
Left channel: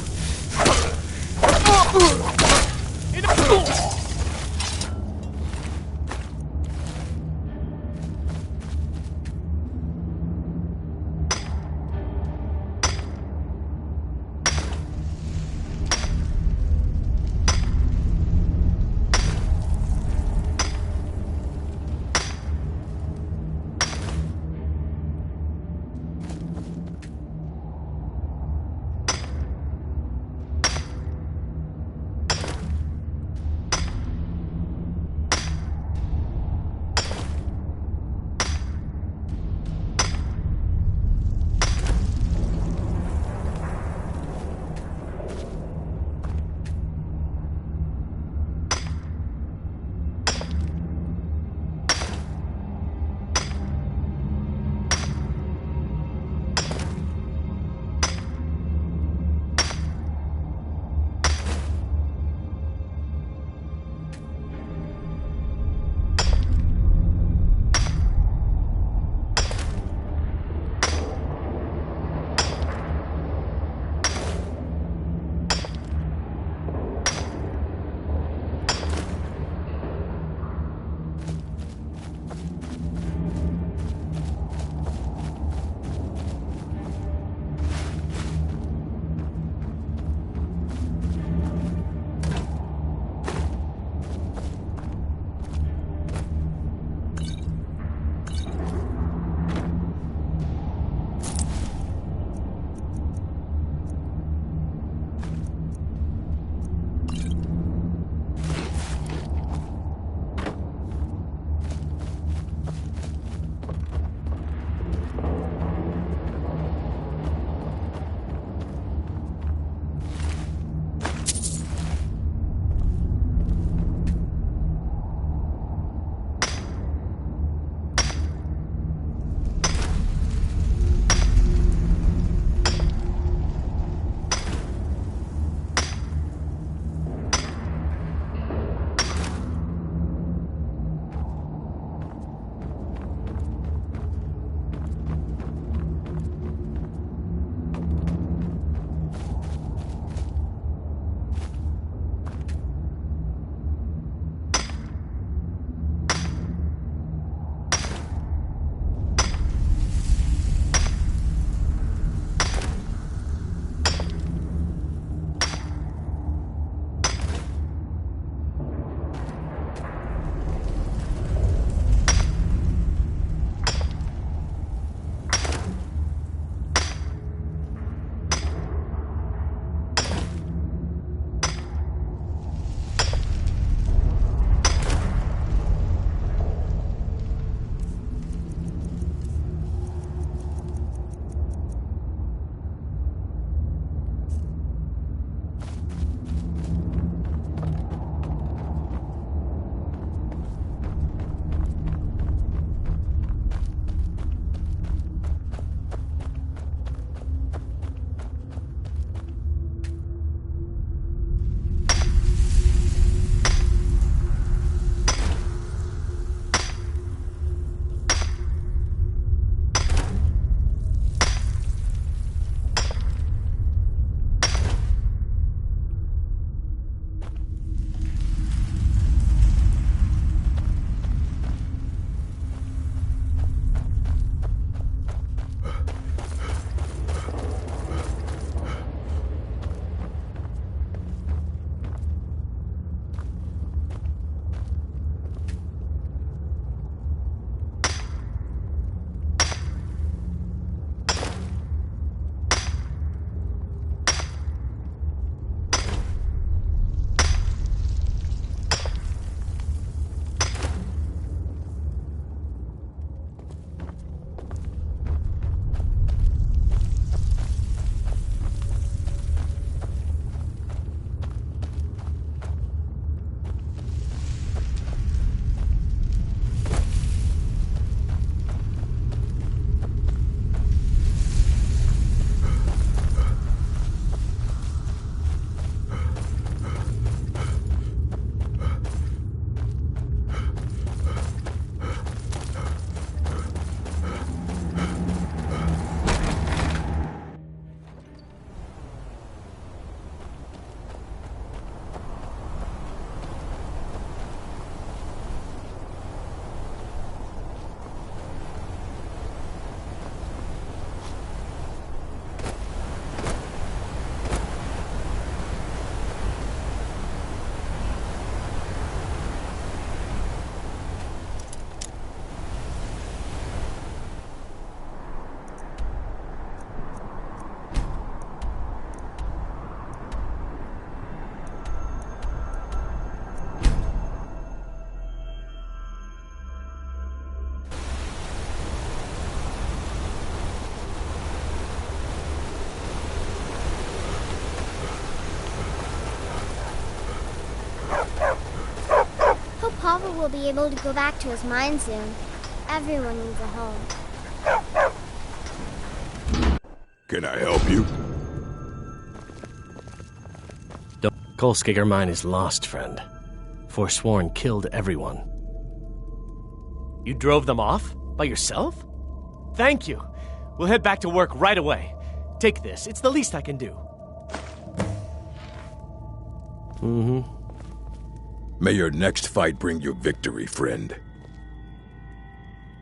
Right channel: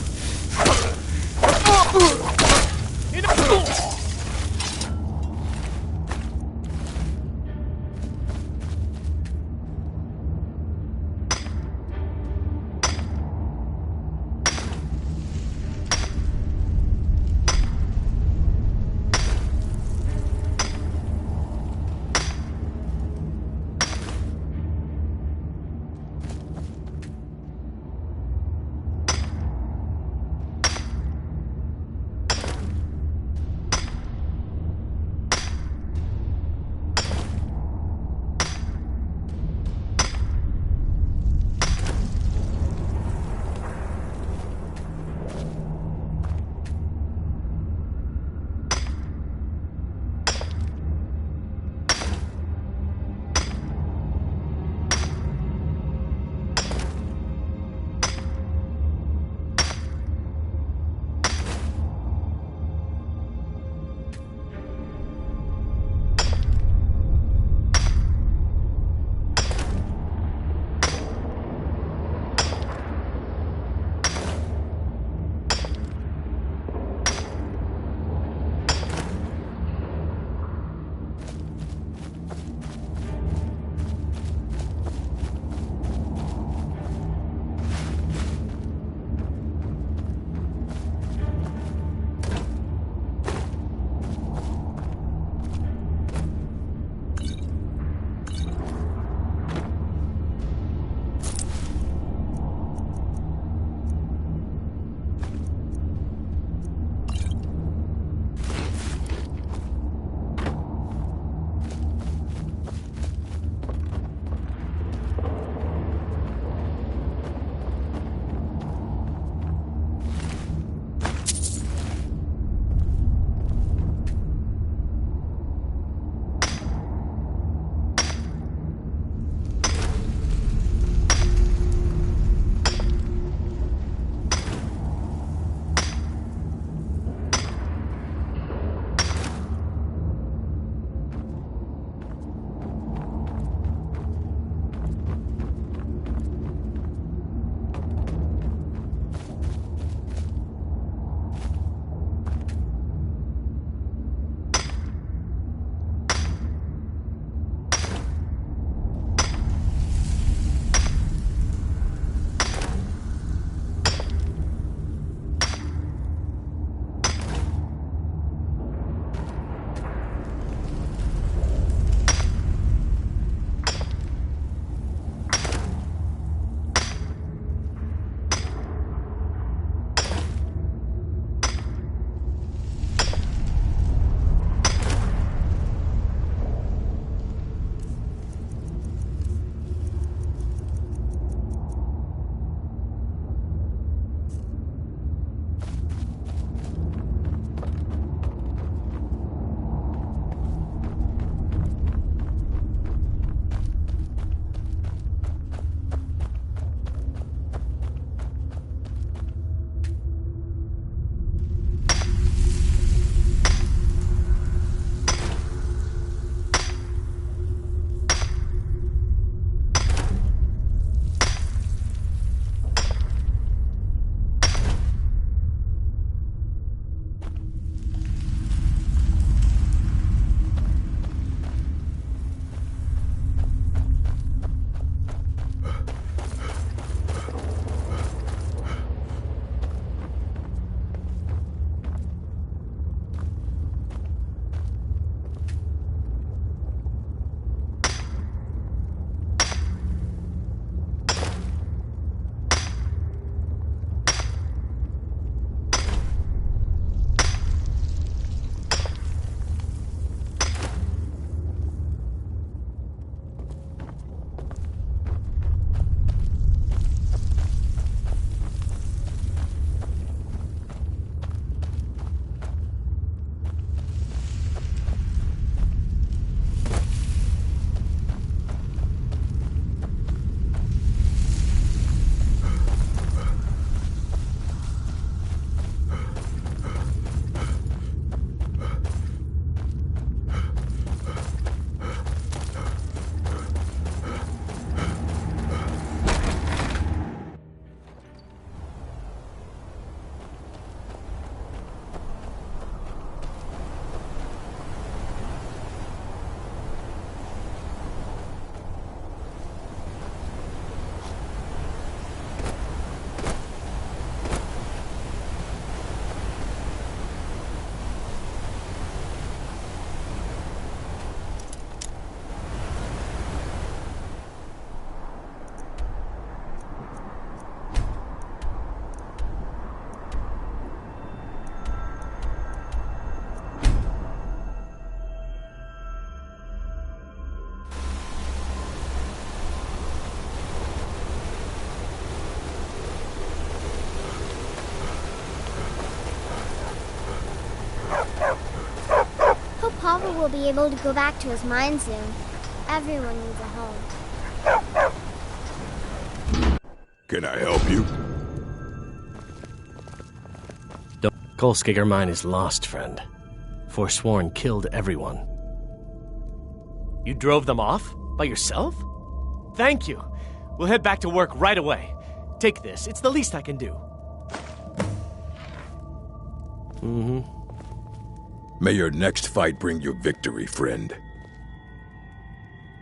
will be able to go back to his mine soon. Everyone needs a home. Can I help you? The Kolskager mine is lost, friend. Forsworn killed everyone. You drove them off? By yourself? Thank you. We'll head back to work right away. Take this. It's the least I can do. May your next fight bring you victory, friend.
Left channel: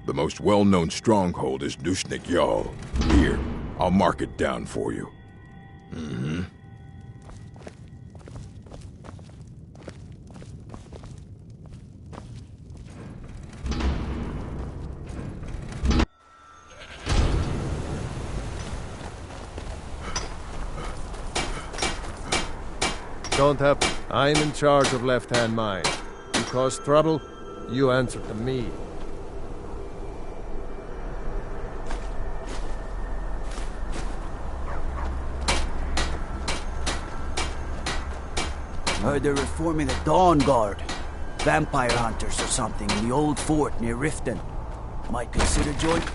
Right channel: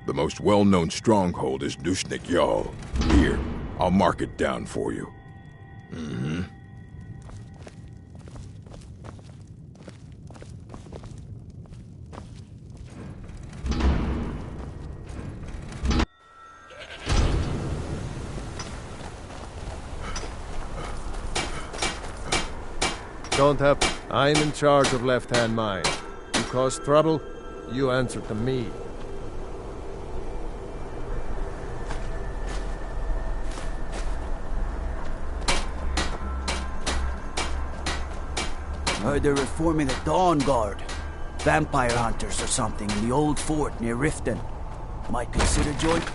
The most well-known stronghold is Nushnik Yal. Here, I'll mark it down for you. Don't have... I'm in charge of left-hand mine. You cause trouble, you answer to me. Heard they're reforming the Dawn Guard. Vampire hunters or something in the old fort near Riften. Might consider joining...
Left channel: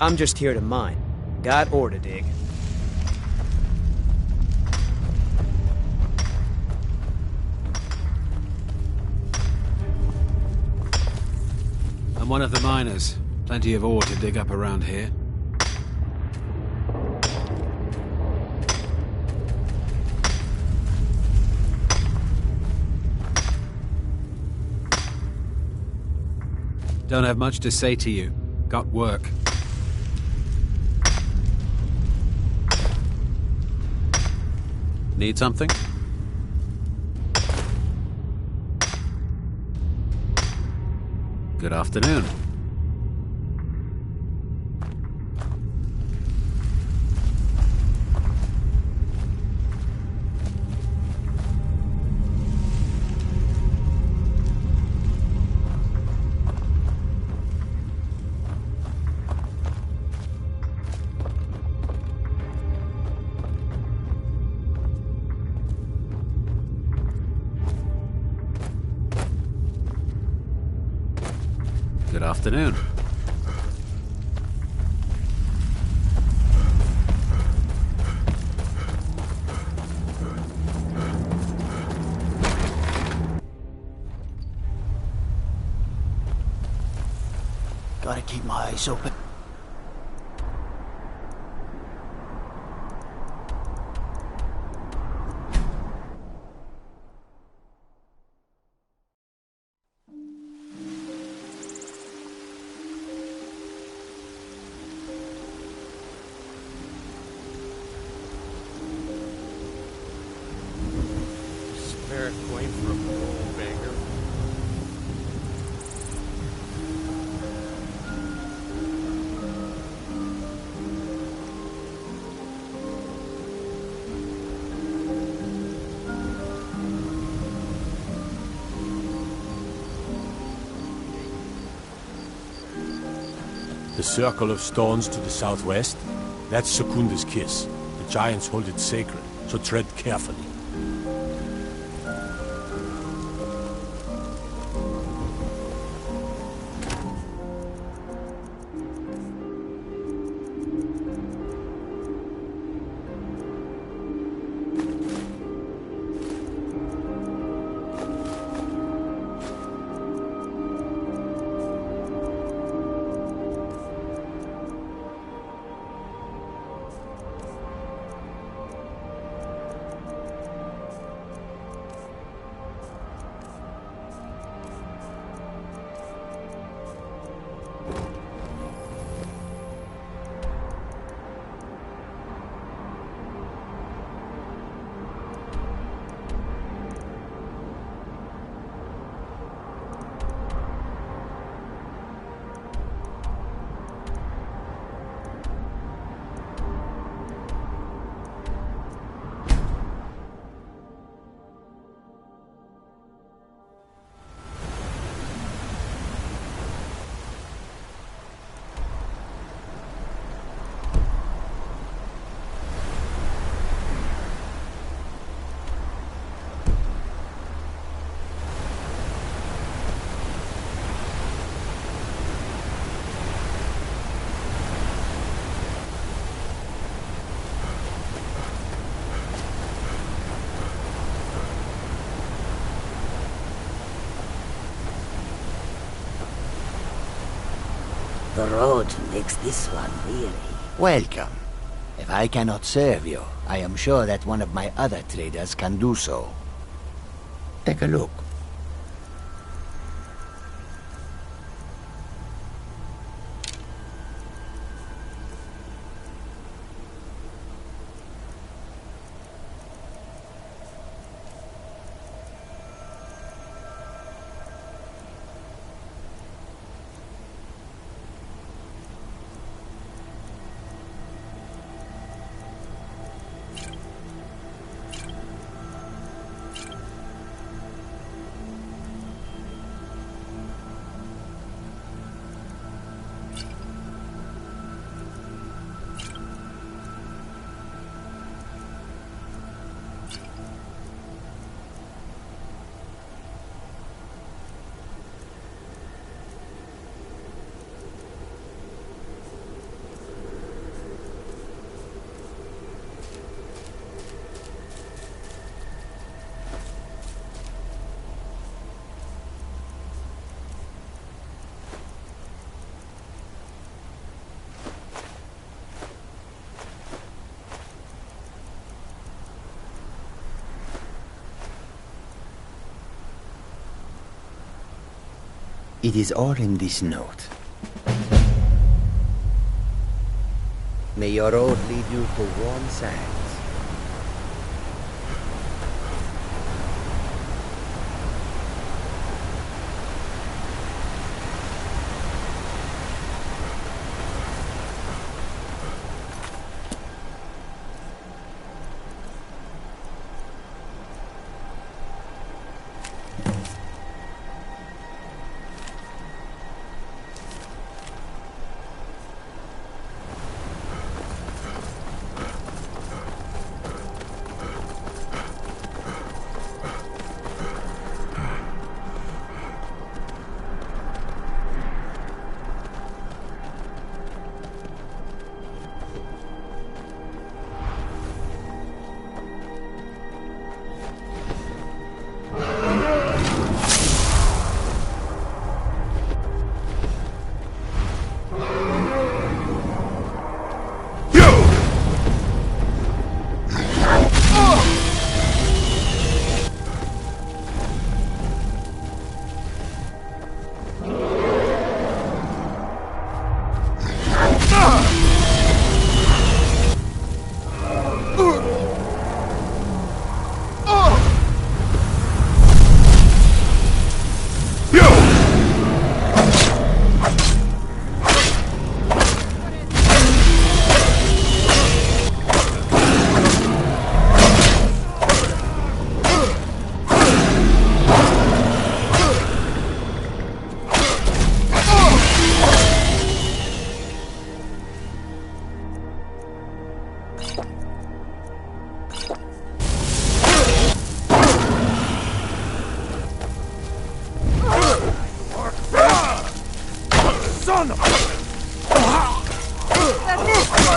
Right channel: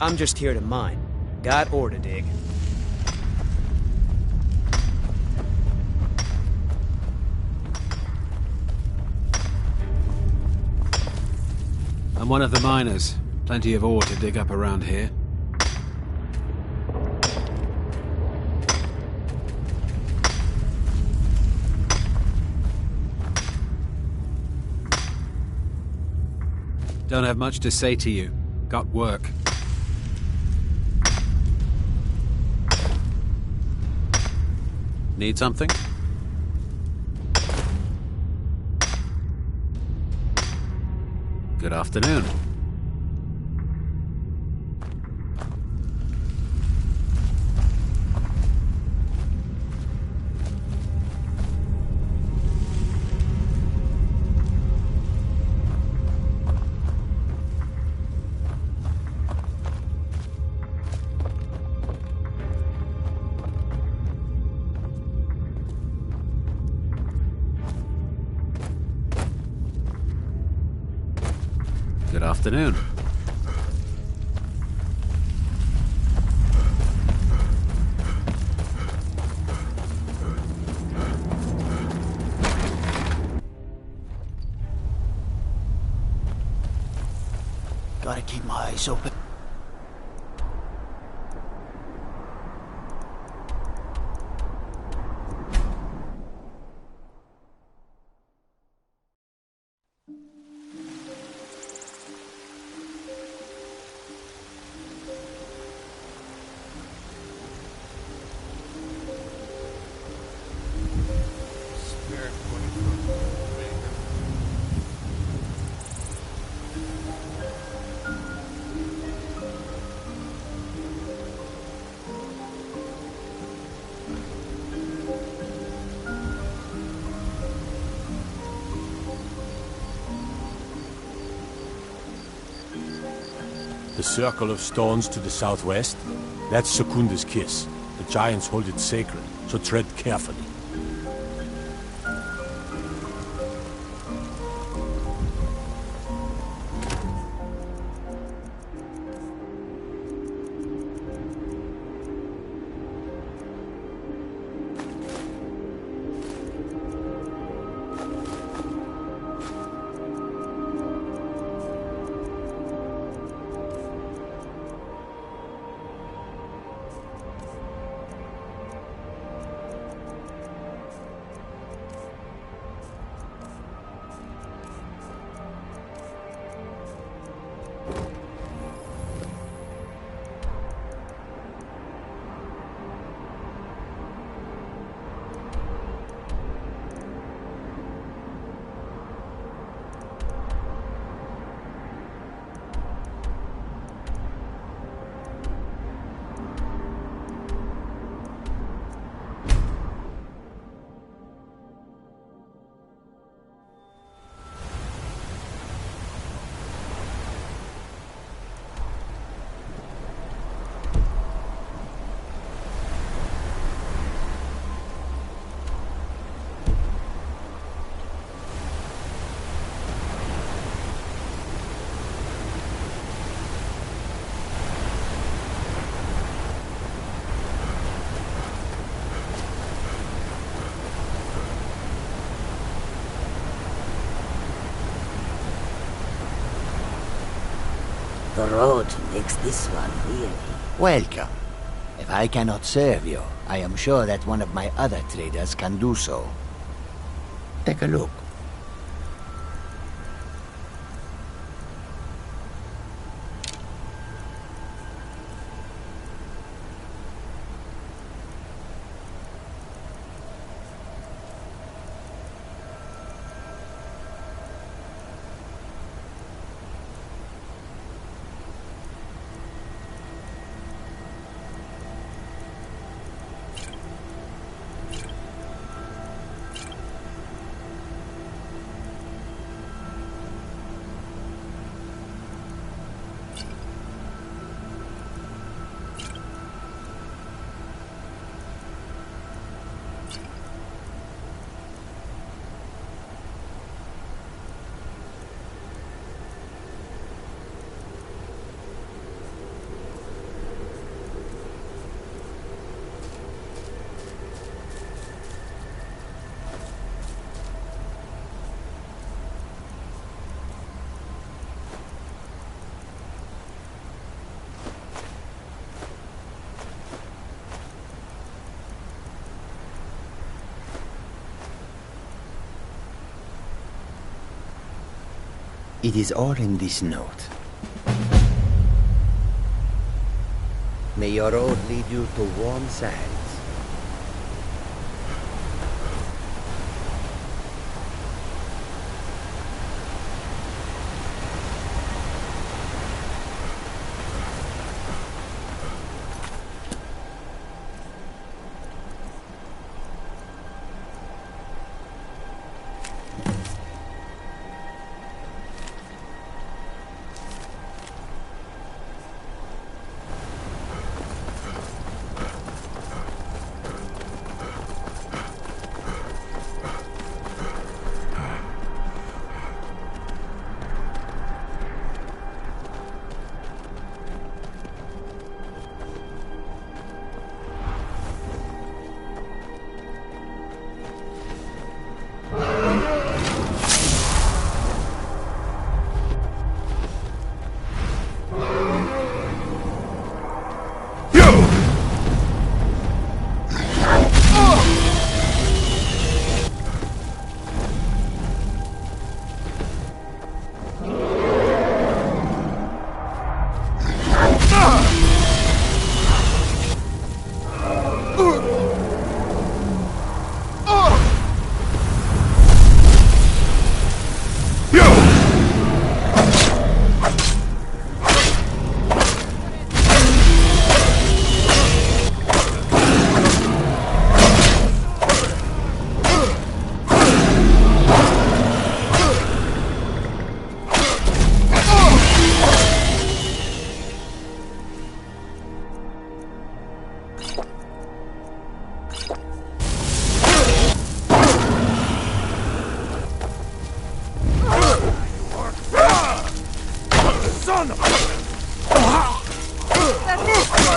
I'm just here to mine. Got ore to dig. I'm one of the miners. Plenty of ore to dig up around here. Don't have much to say to you. Got work. Need something? Good afternoon. Good afternoon. Gotta keep my eyes open. Spare coin for a gold beggar. The circle of stones to the southwest, that's Secunda's kiss. The giants hold it sacred, so tread carefully. The road makes this one weary. Welcome. If I cannot serve you, I am sure that one of my other traders can do so. Take a look. It is all in this note. May your road lead you to warm sands.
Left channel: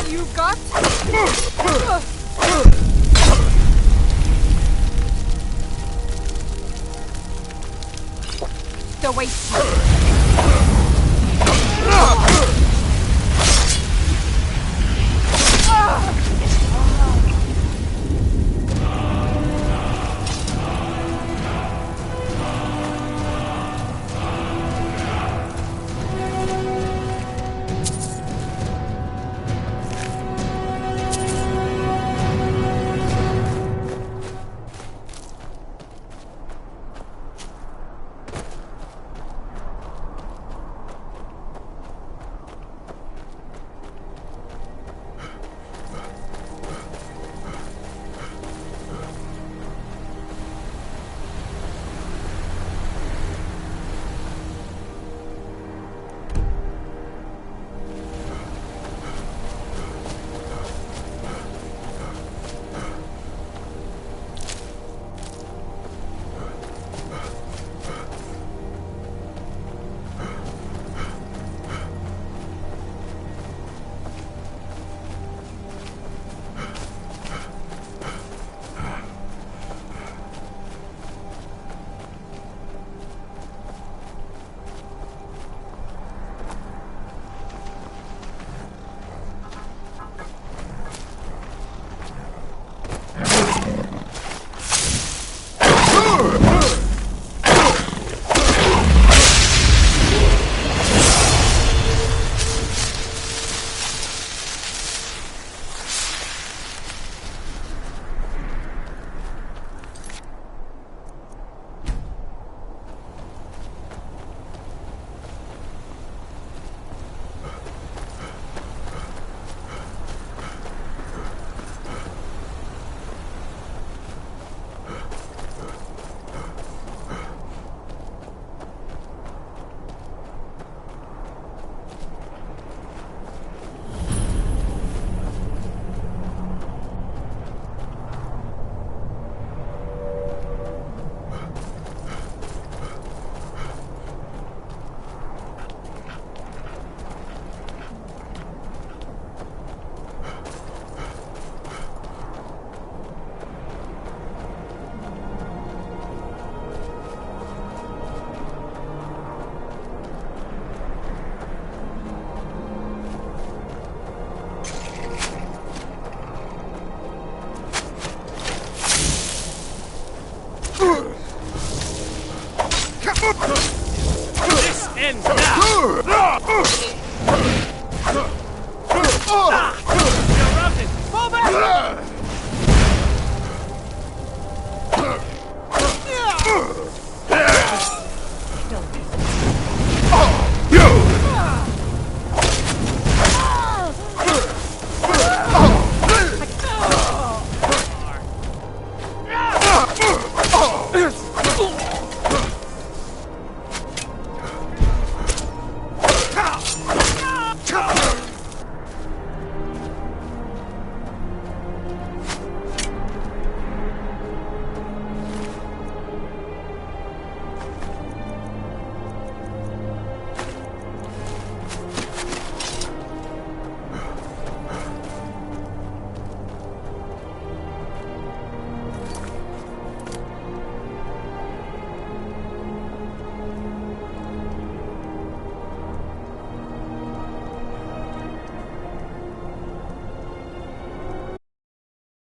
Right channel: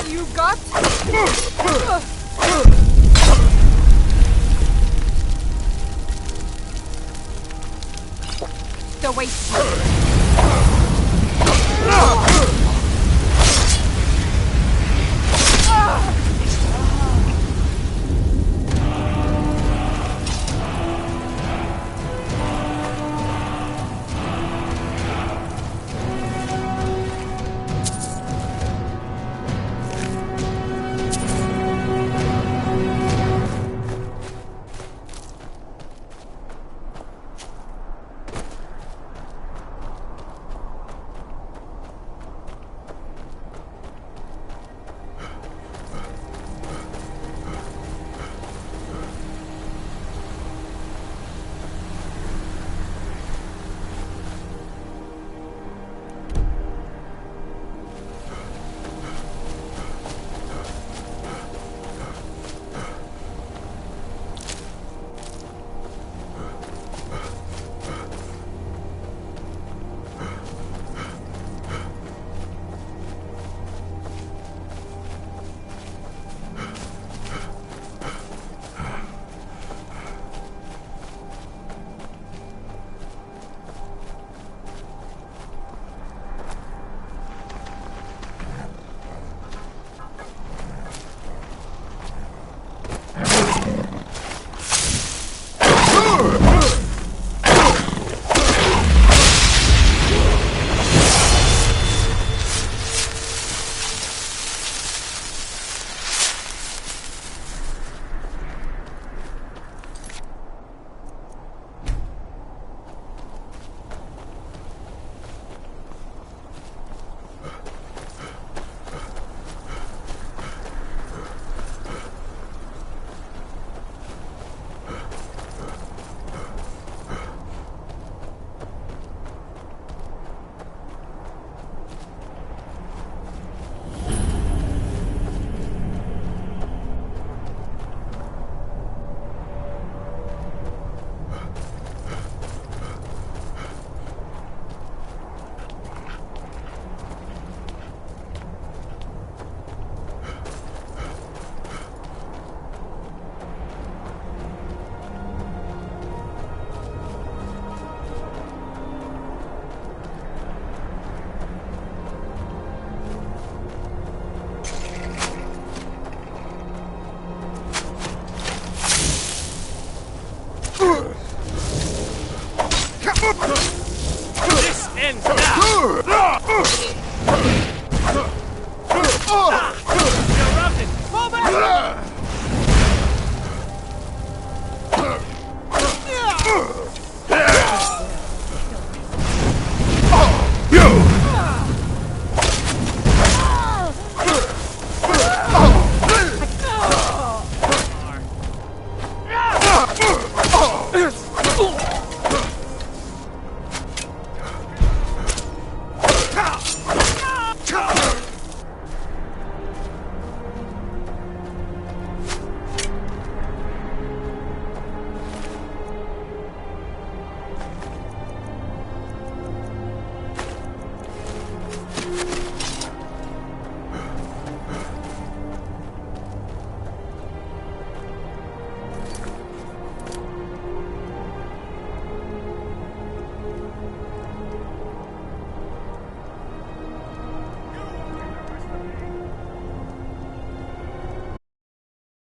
You got? The waste.